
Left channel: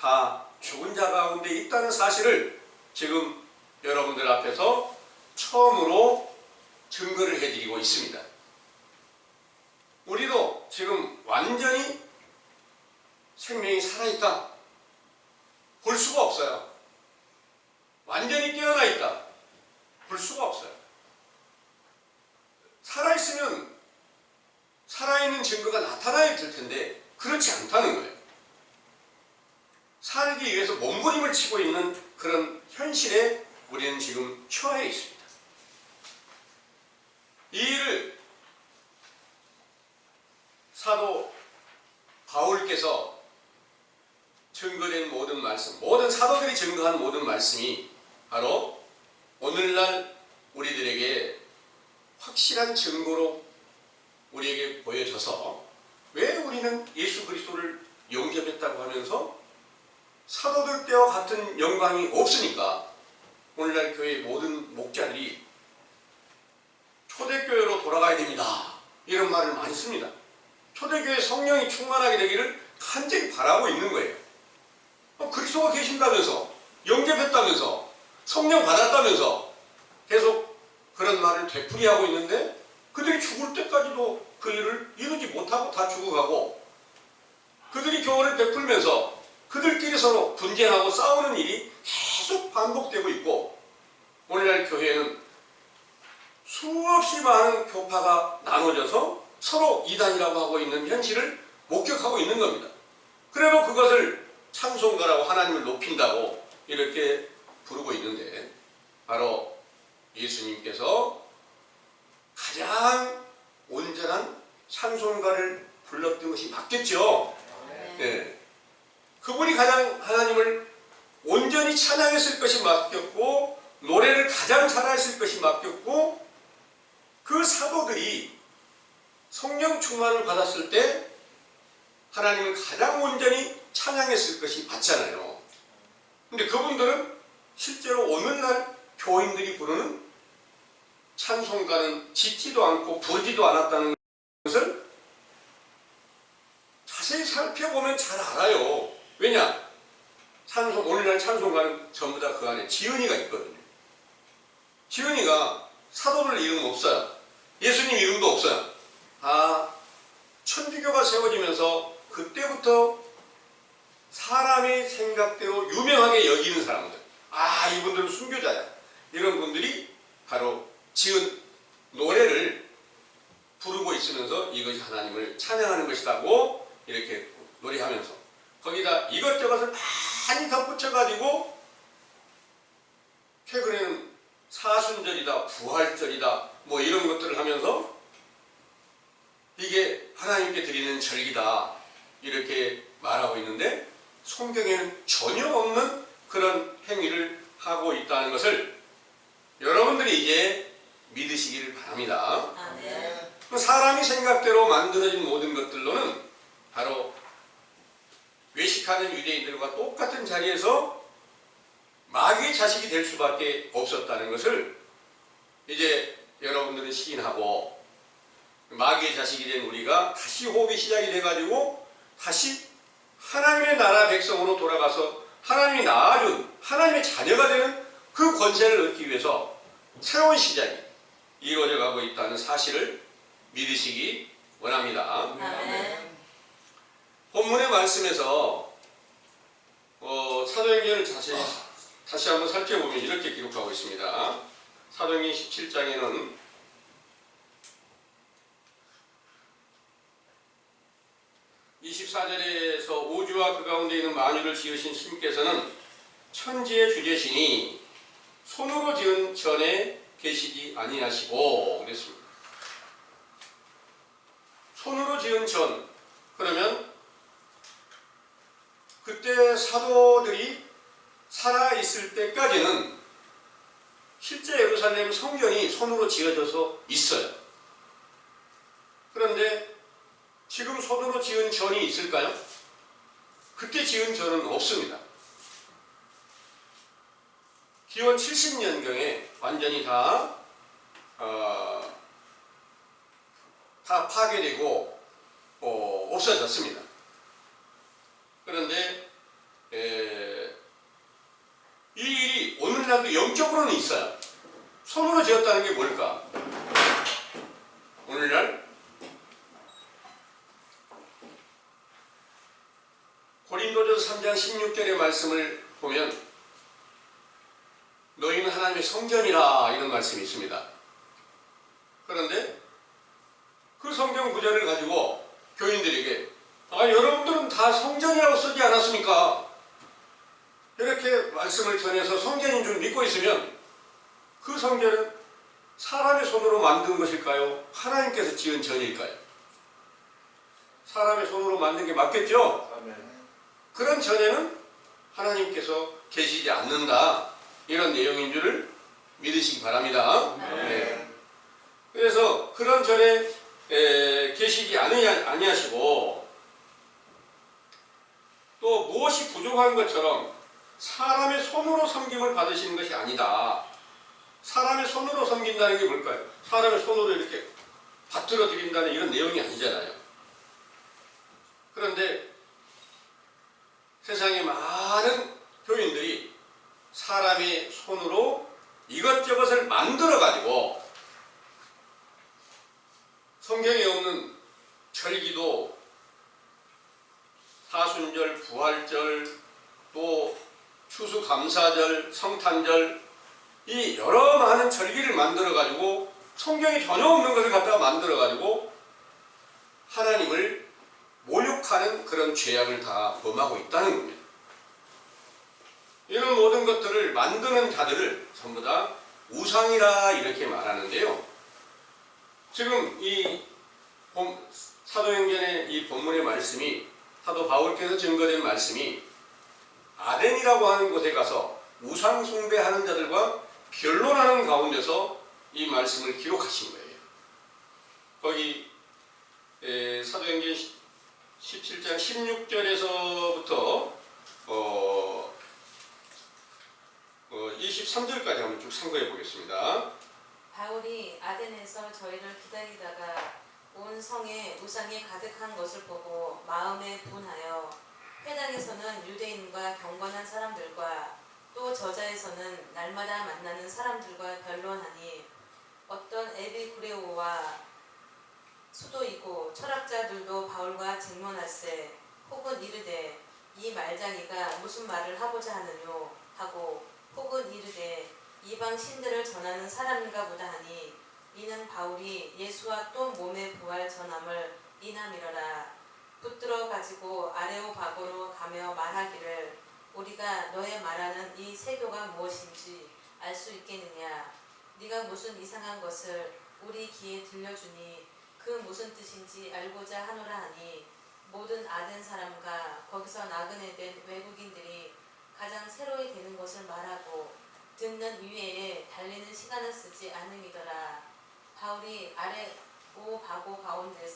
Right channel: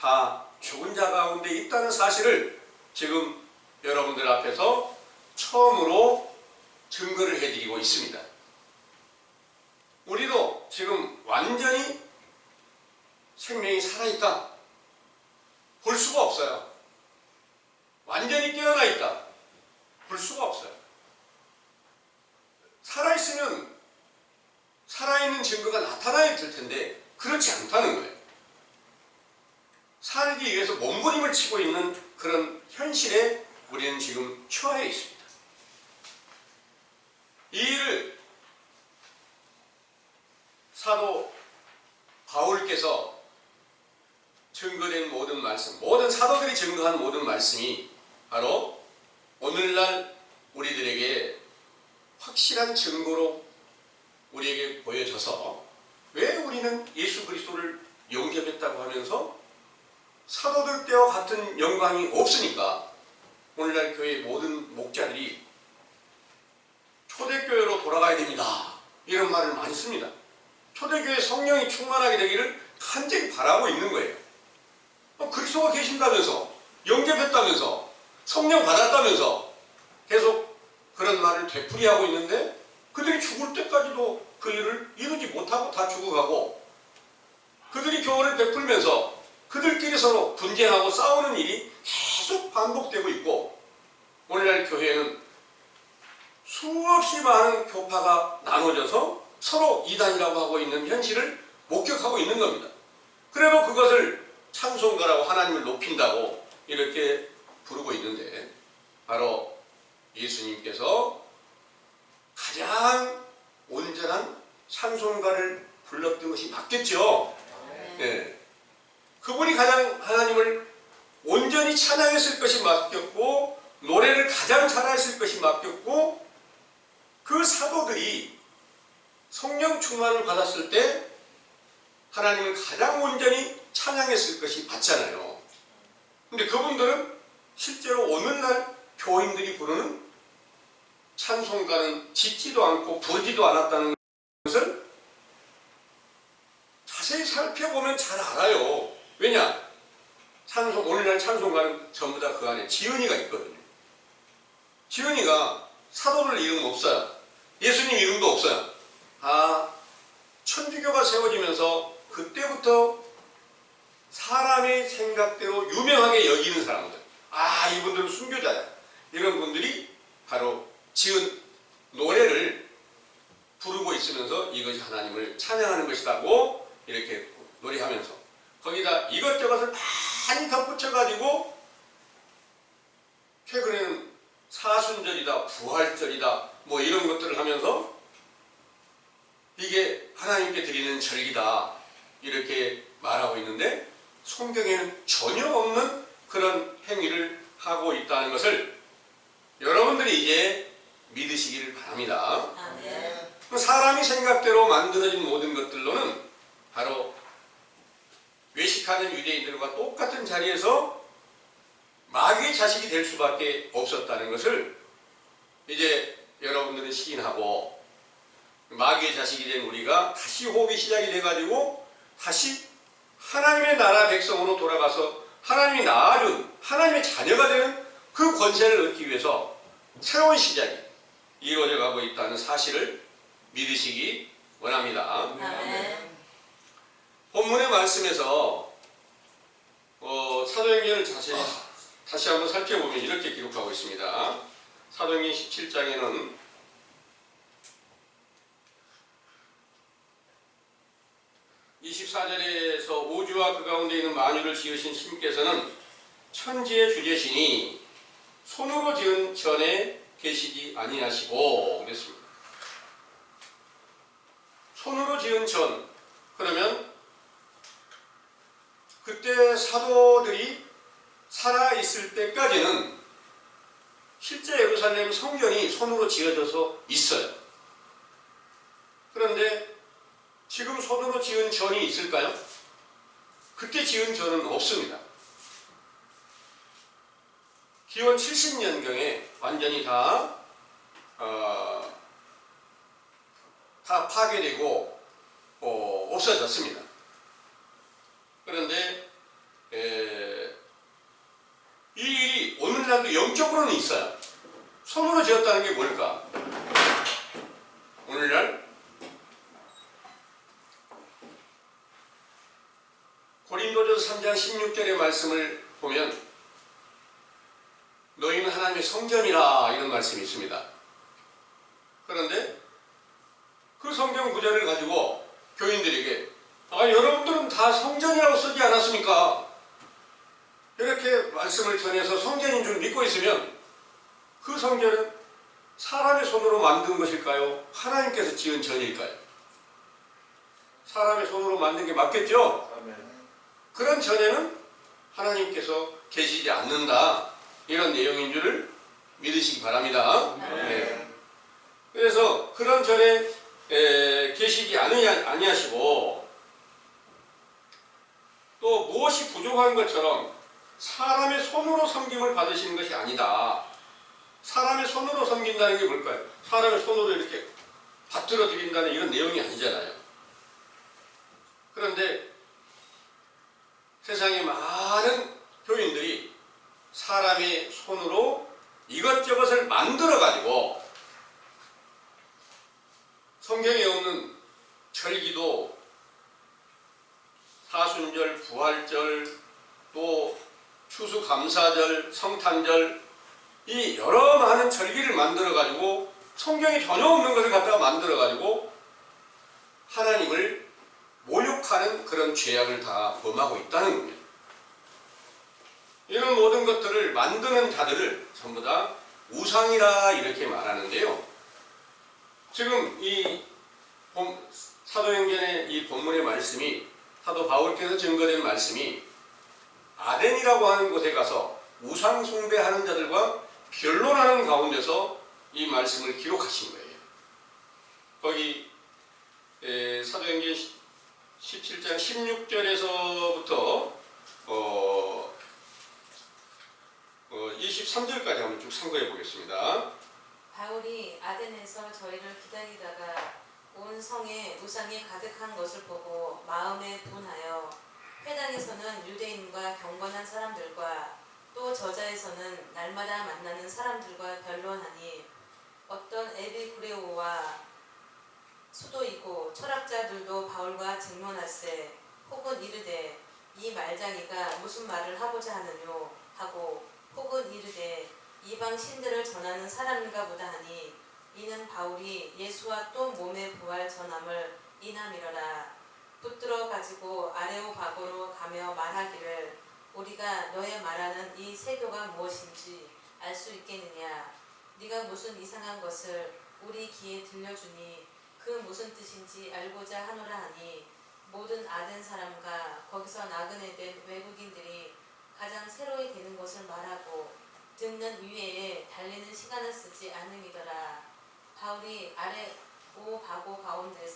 다 죽은 자 가운데 있다는 사실을 지금 여러분들 앞에서 처음으로 증거를 해드리고 있습니다. 우리도 지금 완전히 생명이 살아있다 볼 수가 없어요. 완전히 깨어나 있다 볼 수가 없어요. 살아있으면 살아있는 사도들이 증거한 모든 말씀이 바로 오늘날 우리들에게 확실한 증거로 우리에게 보여져서 왜 우리는 예수 그리스도를 영접했다고 하면서 사도들 때와 같은 영광이 없으니까 오늘날 교회 모든 목자들이 초대교회로 돌아가야 됩니다. 이런 말을 많이 씁니다. 초대교회 성령이 충만하게 되기를 간절히 바라고 있는 거예요. 그리스도가 계신다면서, 영접했다면서, 성령 받았다면서 계속 그런 말을 되풀이하고 있는데 그들이 죽을 때까지도 그 일을 이루지 못하고 다 죽어가고 그들이 교훈을 베풀면서 그들끼리 서로 분쟁하고 싸우는 일이 계속 반복되고 있고 오늘날 교회는 수없이 많은 교파가 나눠져서 서로 이단이라고 하고 있는 현실을 목격하고 있는 겁니다. 그래도 그것을 찬송가라고 하나님을 높인다고 이렇게 부르고 있는데 바로 예수님께서 가장 온전한 찬송가를 불렀던 것이 맞겠죠. 네. 그분이 가장 하나님을 온전히 찬양했을 것이 맡겼고 노래를 가장 잘했을 것이 맡겼고 그 사도들이 성령 충만을 받았을 때 하나님을 가장 온전히 찬양했을 것이 맞잖아요. 근데 그분들은 실제로 오늘날 교인들이 부르는 찬송가는 짓지도 않고 부르지도 않았다는 것을 자세히 살펴보면 잘 알아요. 왜냐? 오늘날 찬송가는 전부 다 그 안에 지은이가 있거든요. 지은이가 사도들 이름 없어요. 예수님 이름도 없어요. 천주교가 세워지면서 그때부터 사람의 생각대로 유명하게 여기는 사람들, 이분들은 순교자야, 이런 분들이 바로 지은 노래를 부르고 있으면서 이것이 하나님을 찬양하는 것이라고 이렇게 노래하면서 거기다 이것저것을 많이 덧붙여가지고 최근에는 사순절이다, 부활절이다, 뭐 이런 것들을 하면서 이게 하나님께 드리는 절기다 이렇게 말하고 있는데 성경에는 전혀 없는 그런 행위를 하고 있다는 것을 여러분들이 이제 믿으시기를 바랍니다. 사람이 생각대로 만들어진 모든 것들로는 바로 외식하는 유대인들과 똑같은 자리에서 마귀의 자식이 될 수밖에 없었다는 것을 이제 여러분들은 시인하고 마귀의 자식이 된 우리가 다시 호흡이 시작이 돼가지고 다시 하나님의 나라 백성으로 돌아가서 하나님이 낳아준 하나님의 자녀가 되는 그 권세를 얻기 위해서 새로운 시작이 이루어져 가고 있다는 사실을 믿으시기 원합니다. 본문의 말씀에서 사도행전을 다시 한번 살펴보면 이렇게 기록하고 있습니다. 사도행전 17장에는 24절에서 우주와 그 가운데 있는 만유를 지으신 신께서는 천지의 주제시니 손으로 지은 전에 계시지 아니하시고 그랬습니다. 손으로 지은 전, 그러면 그때 사도들이 살아있을 때까지는 실제 예루살렘 성전이 손으로 지어져서 있어요. 그런데 지금 손으로 지은 전이 있을까요? 그때 지은 전은 없습니다. 기원 70년경에 완전히 다 파괴되고 없어졌습니다. 그런데 이 일이 오늘날도 영적으로는 있어요. 손으로 지었다는 게 뭘까? 오늘날 고린도전서 3장 16절의 말씀을 보면 너희는 하나님의 성전이라 이런 말씀이 있습니다. 그런데 그 성경 구절을 가지고 교인들에게 여러분들은 다 성전이라고 쓰지 않았습니까? 이렇게 말씀을 전해서 성전인 줄 믿고 있으면 그 성전은 사람의 손으로 만든 것일까요? 하나님께서 지은 전일까요? 사람의 손으로 만든 게 맞겠죠? 그런 전에는 하나님께서 계시지 않는다. 이런 내용인 줄을 믿으시기 바랍니다. 네. 그래서 그런 절에 계시지 아니하시고 또 무엇이 부족한 것처럼 사람의 손으로 섬김을 받으시는 것이 아니다. 사람의 손으로 섬긴다는 게 뭘까요? 사람의 손으로 이렇게 받들어 드린다는 이런 내용이 아니잖아요. 그런데 세상에 많은 교인들이 사람의 손으로 이것저것을 만들어 가지고 성경에 없는 절기도 사순절, 부활절, 또 추수감사절, 성탄절 이 여러 많은 절기를 만들어 가지고 성경에 전혀 없는 것을 갖다가 만들어 가지고 하나님을 모욕하는 그런 죄악을 다 범하고 있다는 겁니다. 이런 모든 것들을 만드는 자들을 전부 다 우상이라 이렇게 말하는데요. 지금 이 사도행전의 이 본문의 말씀이 사도 바울께서 증거된 말씀이 아덴이라고 하는 곳에 가서 우상 숭배하는 자들과 변론하는 가운데서 이 말씀을 기록하신 거예요. 거기 사도행전 17장 16절에서부터 23절까지 한번 쭉 참고해 보겠습니다. 바울이 아덴에서 저희를 기다리다가 온 성에 우상이 가득한 것을 보고 마음에 분하여 회당에서는 유대인과 경건한 사람들과 또 저자에서는 날마다 만나는 사람들과 변론하니 어떤 에비구레오와 수도이고 철학자들도 바울과 증론할세 혹은 이르되 이 말장이가 무슨 말을 하고자 하느뇨 하고 혹은 이르되 이방 신들을 전하는 사람인가 보다 하니 이는 바울이 예수와 또 몸의 부활 전함을 이남이러라. 붙들어 가지고 아레오바고로 가며 말하기를 우리가 너의 말하는 이 세교가 무엇인지 알 수 있겠느냐. 네가 무슨 이상한 것을 우리 귀에 들려주니 그 무슨 뜻인지 알고자 하노라 하니 모든 아덴 사람과 거기서 나그네 된 외국인들이 가장 새로이 되는 것을 말하고 듣는 위에 달리는 시간을 쓰지 않음이더라. 바울이 아레오바고 가운데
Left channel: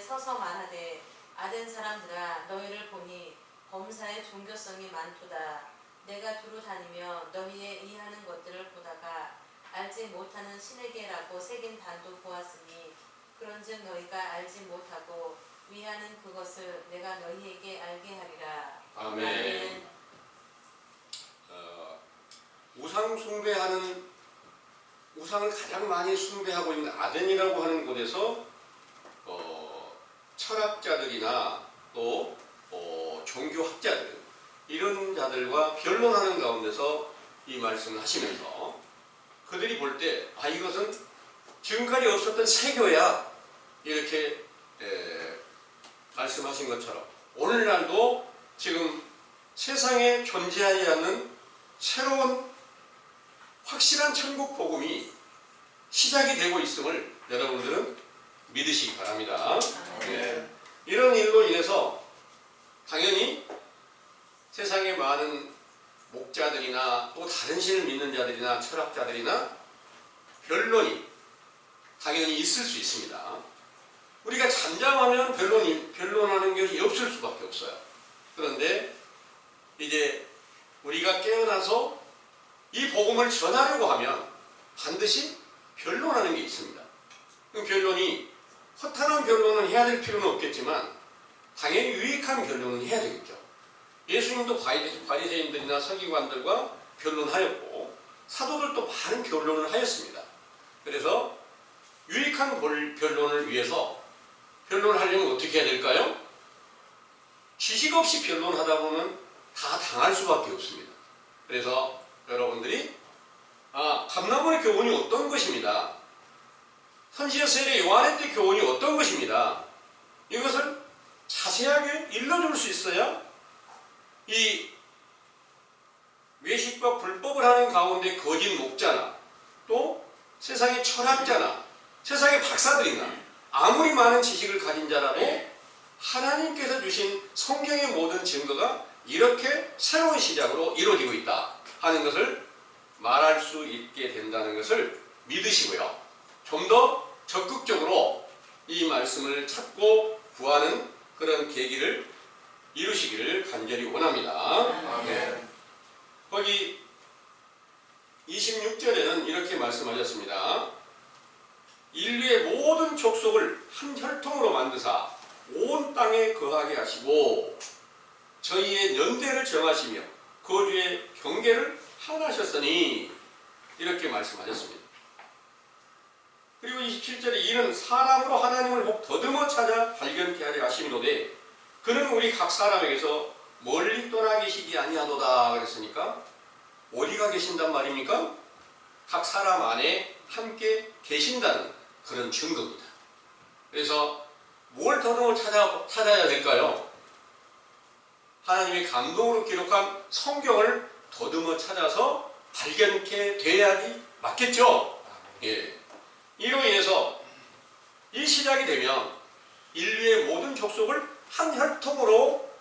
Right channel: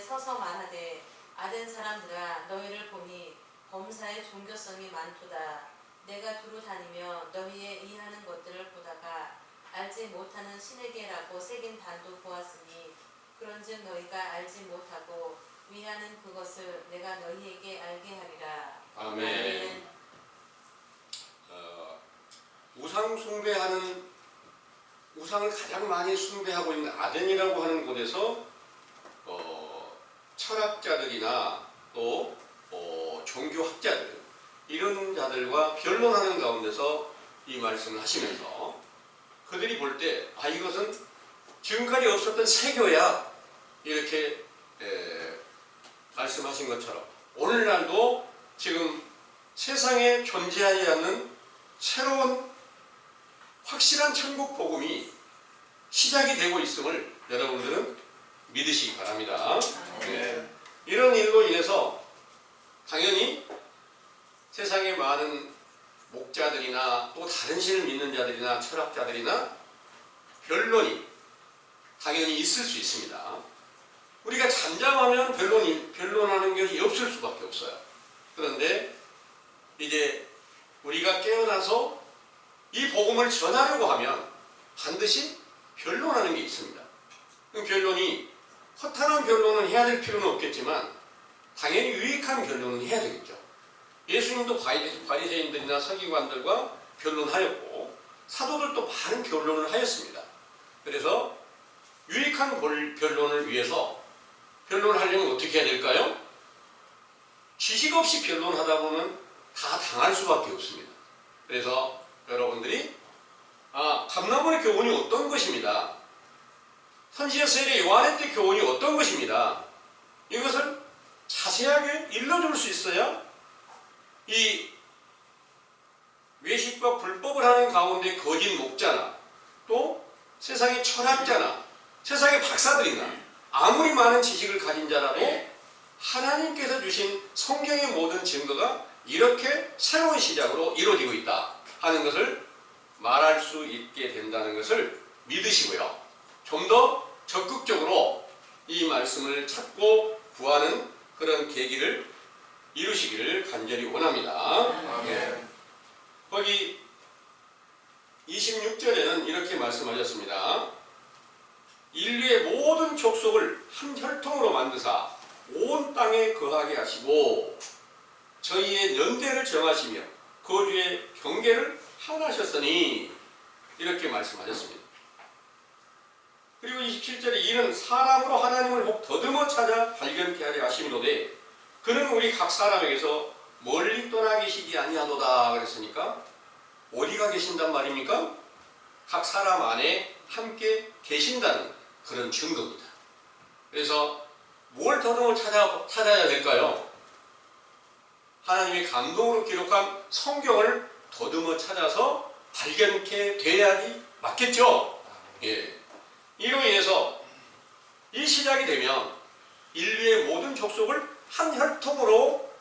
서서 말하되 아덴 사람들아 너희를 보니 범사의 종교성이 많도다. 내가 두루 다니며 너희의 이하는 것들을 보다가 알지 못하는 신에게라고 새긴 단도 보았으니 그런즉 너희가 알지 못하고 위하는 그것을 내가 너희에게 알게 하리라. 아멘. 우상 숭배하는 우상을 가장 많이 숭배하고 있는 아덴이라고 하는 곳에서 철학자들이나 또 종교학자들 이런 자들과 변론하는 가운데서 이 말씀을 하시면서 그들이 볼 때 이것은 지금까지 없었던 세교야 이렇게 말씀하신 것처럼 오늘날도 지금 세상에 존재하지 않는 새로운 확실한 천국 복음이 시작이 되고 있음을 여러분들은 믿으시기 바랍니다. 네. 이런 일로 인해서 당연히 세상에 많은 목자들이나 또 다른 신을 믿는 자들이나 철학자들이나 변론이 당연히 있을 수 있습니다. 우리가 잠잠하면 변론하는 것이 없을 수밖에 없어요. 그런데 이제 우리가 깨어나서 이 복음을 전하려고 하면 반드시 변론하는 게 있습니다. 그 변론이 허탄한 변론은 해야 될 필요는 없겠지만 당연히 유익한 변론은 해야 되겠죠. 예수님도 바리새인들이나 서기관들과 변론하였고 사도들도 많은 변론을 하였습니다. 그래서 유익한 변론을 위해서 변론하려면 어떻게 해야 될까요? 지식 없이 변론하다 보면 다 당할 수밖에 없습니다. 그래서 여러분들이 감람원의 교훈이 어떤 것입니다. 선지자서의 요한의 때 교훈이 어떤 것입니다. 이것을 자세하게 일러줄 수 있어야 이 외식과 불법을 하는 가운데 거짓 목자나 또 세상의 철학자나 세상의 박사들이나 아무리 많은 지식을 가진 자라도 하나님께서 주신 성경의 모든 증거가 이렇게 새로운 시작으로 이루어지고 있다 하는 것을 말할 수 있게 된다는 것을 믿으시고요. 좀 더 적극적으로 이 말씀을 찾고 구하는 그런 계기를 이루시기를 간절히 원합니다. 네. 거기 26절에는 이렇게 말씀하셨습니다. 인류의 모든 족속을 한 혈통으로 만드사 온 땅에 거하게 하시고 저희의 연대를 정하시며 거주의 경계를 하나셨으니 이렇게 말씀하셨습니다. 그리고 27절에 이는 사람으로 하나님을 혹 더듬어 찾아 발견케 하려 하심이로되 그는 우리 각 사람에게서 멀리 떠나 계시지 아니하도다 그랬으니까 어디가 계신단 말입니까? 각 사람 안에 함께 계신다는 그런 증거입니다. 그래서 뭘 더듬어 찾아야 될까요? 하나님의 감동으로 기록한 성경을 더듬어 찾아서 발견케 돼야지 맞겠죠? 예. 이로 인해서 이 시작이 되면 인류의 모든 족속을 한 혈통으로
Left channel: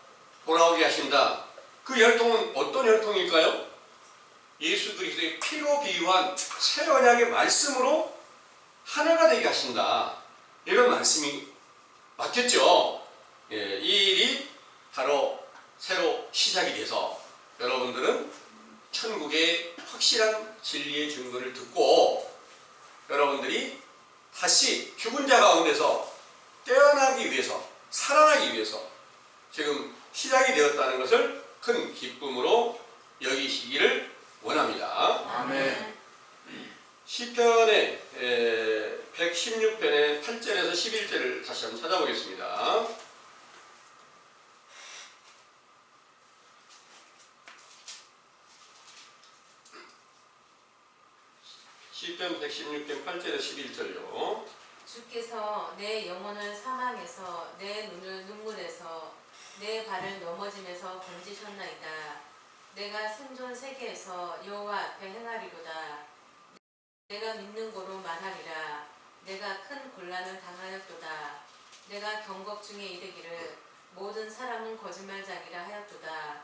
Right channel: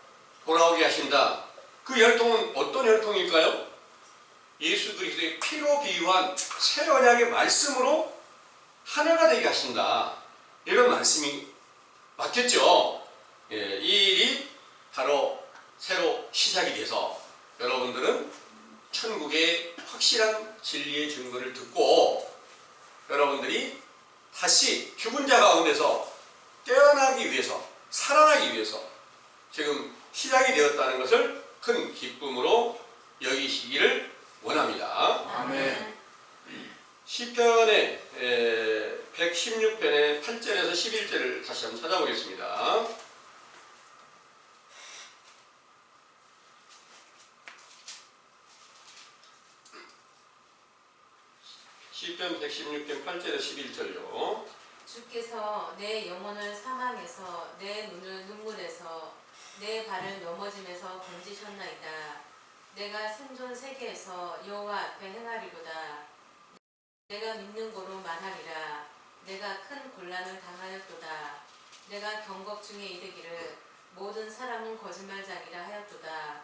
돌아오게 하신다. 그 혈통은 어떤 혈통일까요? 예수 그리스도의 피로 비유한 새 언약의 말씀으로 하나가 되게 하신다. 이런 말씀이 맞겠죠? 예, 이 일이 바로 새로 시작이 돼서 여러분들은 천국의 확실한 진리의 증거를 듣고 여러분들이 다시 죽은 자 가운데서 깨어나기 위해서 살아나기 위해서 지금 시작이 되었다는 것을 큰 기쁨으로 여기시기를 원합니다. 아멘. 시편의 116편의 8절에서 11절을 다시 한번 찾아보겠습니다. 시편 116편 8절에서 11절요. 주께서 내 영혼을 사망에서 내 눈을 눈물에서 내 발을 넘어짐에서 건지셨나이다. 내가 생존 세계에서 여호와 앞에 행하리로다. 내가 믿는 고로 말하리라. 내가 큰 곤란을 당하였도다. 내가 경곡 중에 이르기를 모든 사람은 거짓말장이라 하였도다.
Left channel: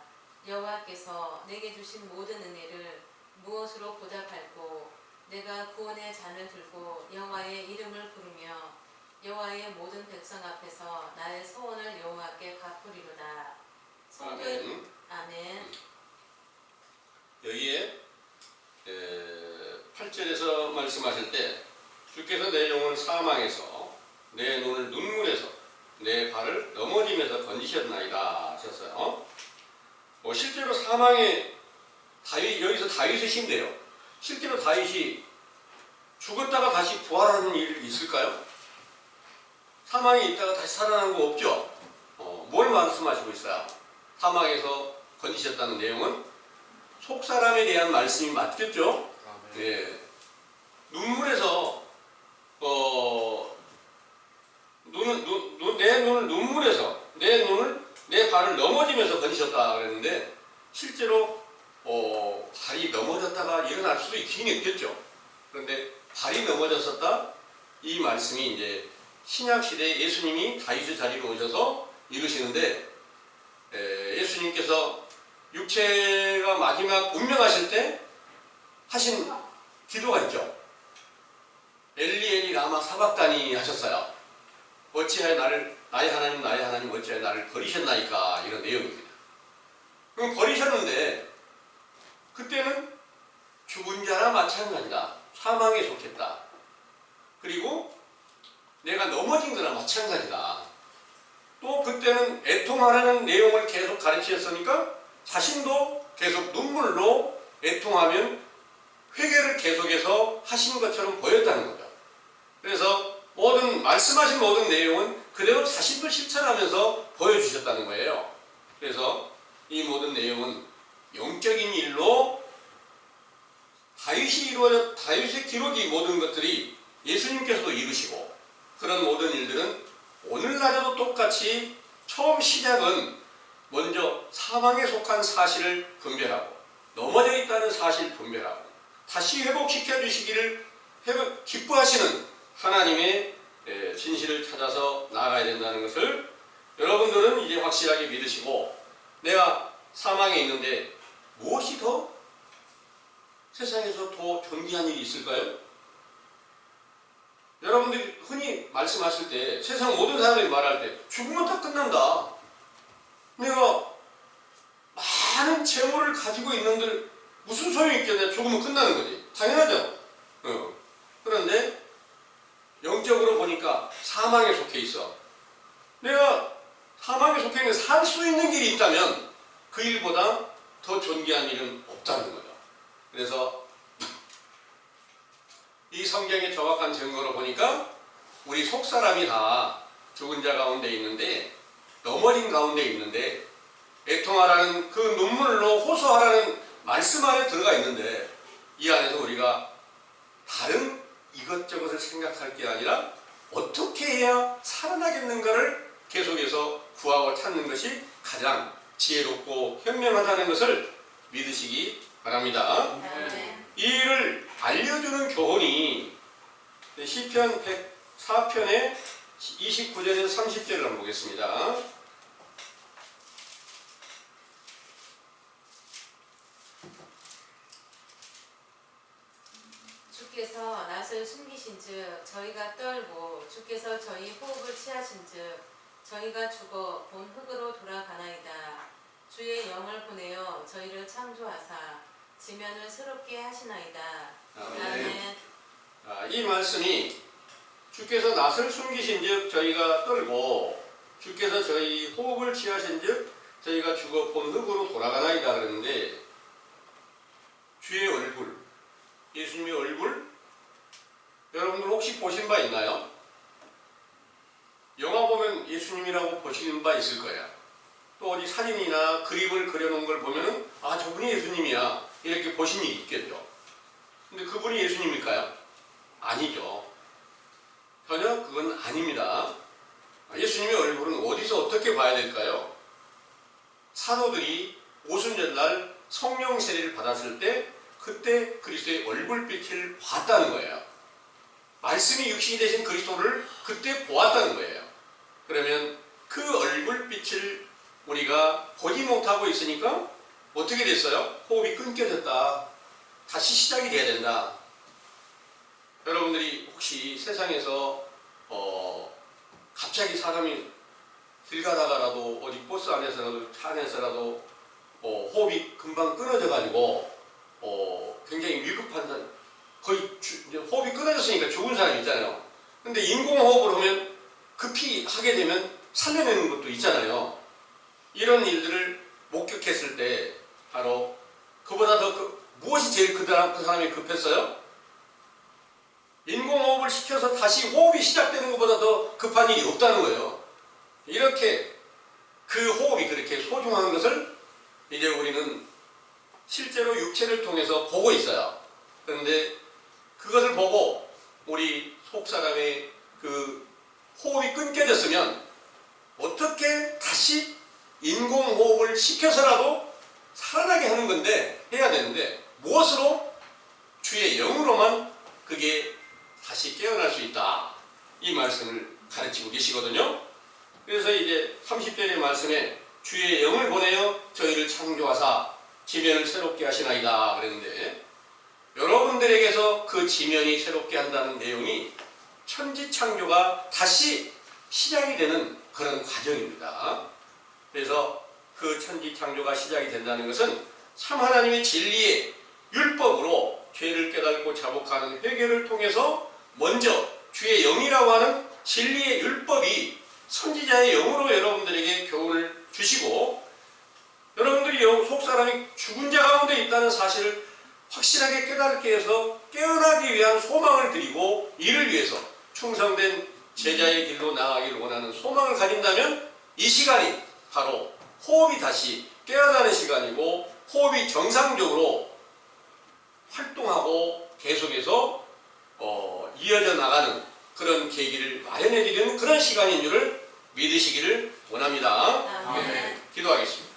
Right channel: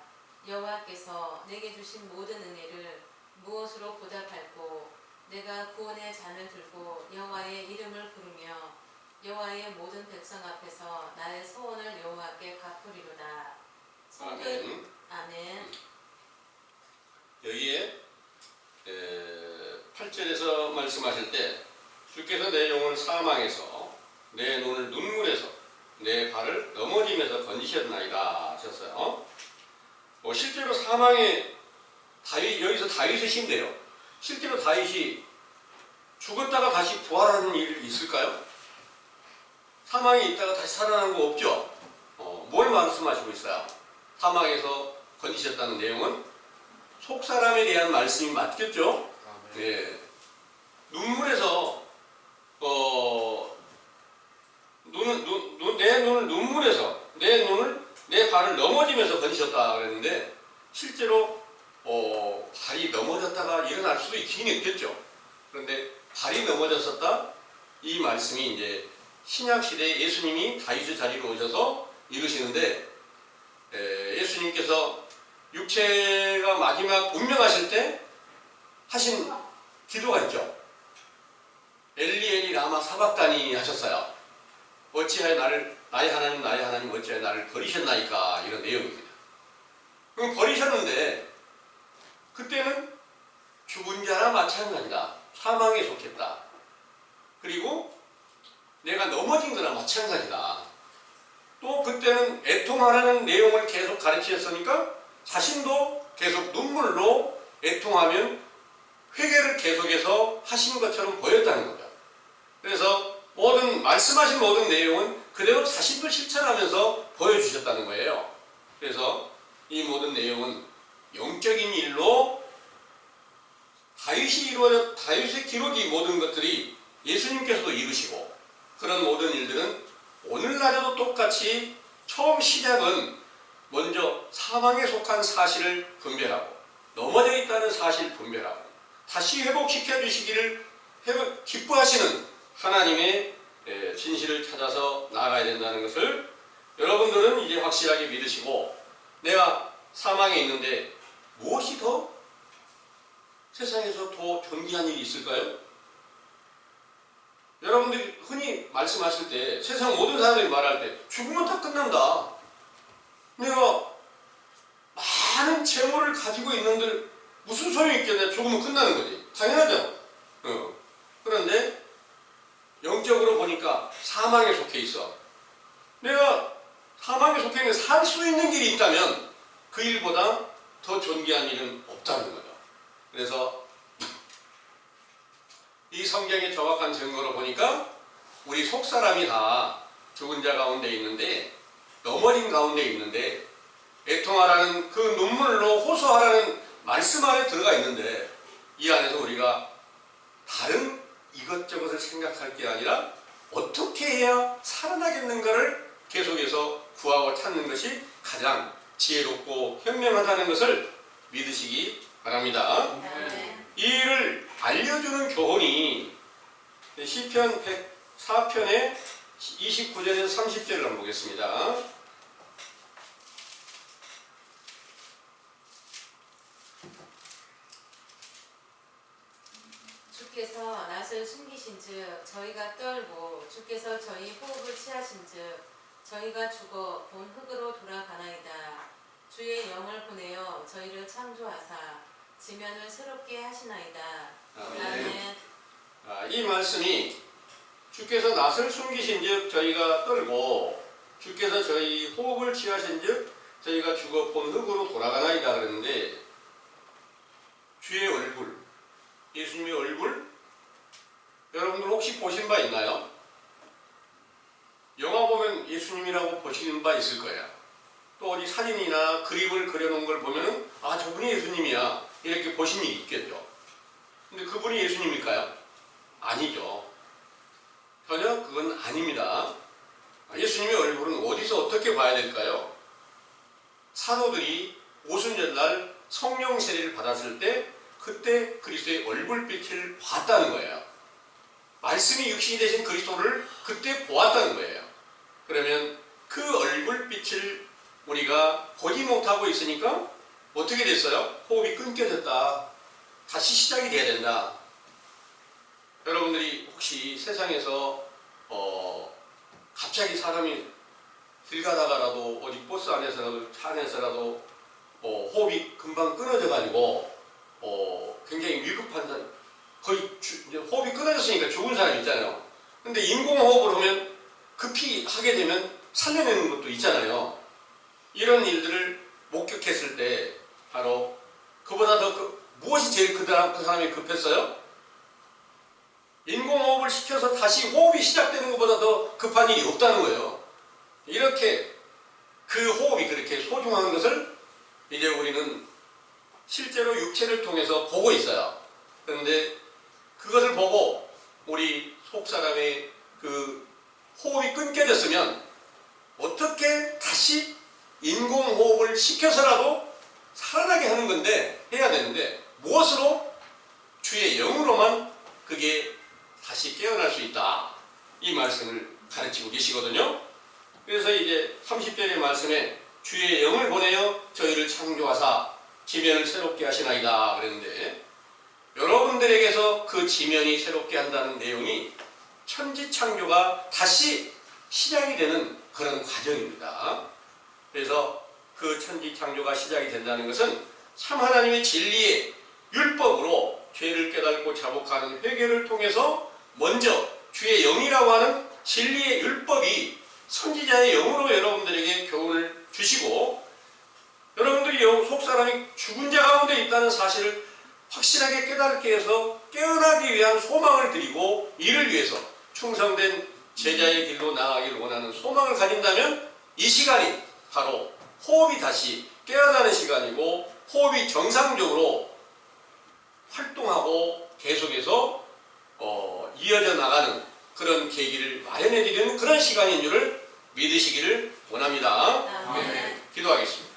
여호와께서 내게 주신 모든 은혜를 무엇으로 보답할꼬. 내가 구원의 잔을 들고 여호와의 이름을 부르며 여호와의 모든 백성 앞에서 나의 소원을 여호와께 갚으리로다. 아멘. 아멘. 여기에 8절에서 말씀하실 때 주께서 내 영혼을 사망에서 내 눈을 눈물에서 내 발을 넘어짐에서 건지셨나이다 하셨어요. 실제로 사망에 여기서 다윗의 신데요. 실제로 다윗이 죽었다가 다시 부활하는 일이 있을까요? 사망에 있다가 다시 살아나는 거 없죠? 뭘 말씀하시고 있어요? 사망에서 건지셨다는 내용은 속사람에 대한 말씀이 맞겠죠? 예. 눈물에서 내 눈을 눈물에서 내 발을 넘어지면서 건지셨다 그랬는데 실제로 발이 넘어졌다가 일어날 수도 있긴 있겠죠. 그런데 발이 넘어졌었다 이 말씀이 이제 신약 시대에 예수님이 다윗의 자리로 오셔서 이루시는데 예수님께서 육체가 마지막 운명하실 때 하신 기도가 있죠. 엘리 엘리 라마 사박다니 하셨어요. 어찌하여 나의 하나님 어찌하여 나를 버리셨나이까 이런 내용입니다. 그럼 버리셨는데 그때는 죽은 자나 마찬가지다. 사망에 속했다. 그리고 내가 넘어진 거나 마찬가지다. 또 그때는 애통하라는 내용을 계속 가르치셨으니까 자신도 계속 눈물로 애통하면 회개를 계속해서 하신 것처럼 보였다는 거죠. 그래서 말씀하신 모든 내용은 그대로 자신도 실천하면서 보여주셨다는 거예요. 그래서 이 모든 내용은 영적인 일로 다윗의 기록이 모든 것들이 예수님께서도 이루시고 그런 모든 일들은 오늘날에도 똑같이 처음 시작은 먼저 사망에 속한 사실을 분별하고 넘어져 있다는 사실 분별하고 다시 회복시켜 주시기를 기뻐하시는 하나님의 진실을 찾아서 나아가야 된다는 것을 여러분들은 이제 확실하게 믿으시고 내가 사망에 있는데 무엇이 더 세상에서 더 존귀한 일이 있을까요? 여러분들이 흔히 말씀하실 때 세상 모든 사람들이 말할 때 죽으면 다 끝난다. 내가 많은 재물을 가지고 있는들 무슨 소용이 있겠냐. 죽으면 끝나는 거지. 당연하죠. 그런데 영적으로 보니까 사망에 속해 있어. 내가 사망에 속해 있는 살 수 있는 길이 있다면 그 일보다 더 존귀한 일은 없다는 거죠. 그래서 이 성경의 정확한 증거로 보니까 우리 속사람이 다 죽은 자 가운데 있는데, 넘어진 가운데 있는데, 애통하라는 그 눈물로 호소하라는 말씀 안에 들어가 있는데, 이 안에서 우리가 다른 이것저것을 생각할 게 아니라 어떻게 해야 살아나겠는가를 계속해서 구하고 찾는 것이 가장 지혜롭고 현명하다는 것을 믿으시기 바랍니다. 이 일을 알려주는 교훈이 시편 104편의 29절에서 30절을 한번 보겠습니다. 주께서 낯을 숨기신즉 저희가 떨고 주께서 저희 호흡을 취하신즉 저희가 죽어 본 흙으로 돌아가나이다. 주의 영을 보내어 저희를 창조하사 지면을 새롭게 하시나이다. 아멘. 이 말씀이 주께서 낯을 숨기신즉 저희가 떨고 주께서 저희 호흡을 취하신즉 저희가 죽어 본 흙으로 돌아가나이다 그러는데, 주의 얼굴, 예수님의 얼굴 여러분들 혹시 보신 바 있나요? 영화 보면 예수님이라고 보시는 바 있을 거예요. 또 어디 사진이나 그림을 그려놓은 걸 보면은 아, 저분이 예수님이야 이렇게 보신 일이 있겠죠. 근데 그분이 예수님일까요? 아니죠. 전혀 그건 아닙니다. 예수님의 얼굴은 어디서 어떻게 봐야 될까요? 사도들이 오순절날 성령 세례를 받았을 때 그때 그리스도의 얼굴빛을 봤다는 거예요. 말씀이 육신이 되신 그리스도를 그때 보았다는 거예요. 그러면 그 얼굴빛을 우리가 보지 못하고 있으니까 어떻게 됐어요? 호흡이 끊겨졌다. 다시 시작이 돼야 된다. 여러분들이 혹시 세상에서 갑자기 사람이 길 가다가라도 어디 버스 안에서라도 차 안에서라도 호흡이 금방 끊어져 가지고 굉장히 위급한, 거의 호흡이 끊어졌으니까 죽은 사람이 있잖아요. 근데 인공호흡을 하면 급히 하게 되면 살려내는 것도 있잖아요. 이런 일들을 목격했을 때 바로 그보다 더 무엇이 제일 그 사람이 급했어요? 인공호흡을 시켜서 다시 호흡이 시작되는 것보다 더 급한 일이 없다는 거예요. 이렇게 그 호흡이 그렇게 소중한 것을 이제 우리는 실제로 육체를 통해서 보고 있어요. 그런데 그것을 보고 우리 속사람의 그 호흡이 끊겨졌으면 어떻게 다시 인공호흡을 시켜서라도 살아나게 하는 건데, 해야 되는데 무엇으로? 주의 영으로만 그게 다시 깨어날 수 있다. 이 말씀을 가르치고 계시거든요. 그래서 이제 30절의 말씀에 주의 영을 보내어 저희를 창조하사 지면을 새롭게 하시나이다 그랬는데, 여러분들에게서 그 지면이 새롭게 한다는 내용이 천지창조가 다시 시작이 되는 그런 과정입니다. 그래서 그 천지창조가 시작이 된다는 것은 참 하나님의 진리의 율법으로 죄를 깨닫고 자복하는 회개를 통해서 먼저 주의 영이라고 하는 진리의 율법이 선지자의 영으로 여러분들에게 교훈을 주시고, 여러분들이 속사람이 죽은 자 가운데 있다는 사실을 확실하게 깨닫게 해서 깨어나기 위한 소망을 드리고, 이를 위해서 충성된 제자의 길로 나아가기를 원하는 소망을 가진다면 이 시간이 바로 호흡이 다시 깨어나는 시간이고, 호흡이 정상적으로 활동하고 계속해서 이어져 나가는 그런 계기를 마련해 드리는 그런 시간인 줄을 믿으시기를 원합니다. 아멘. 기도하겠습니다.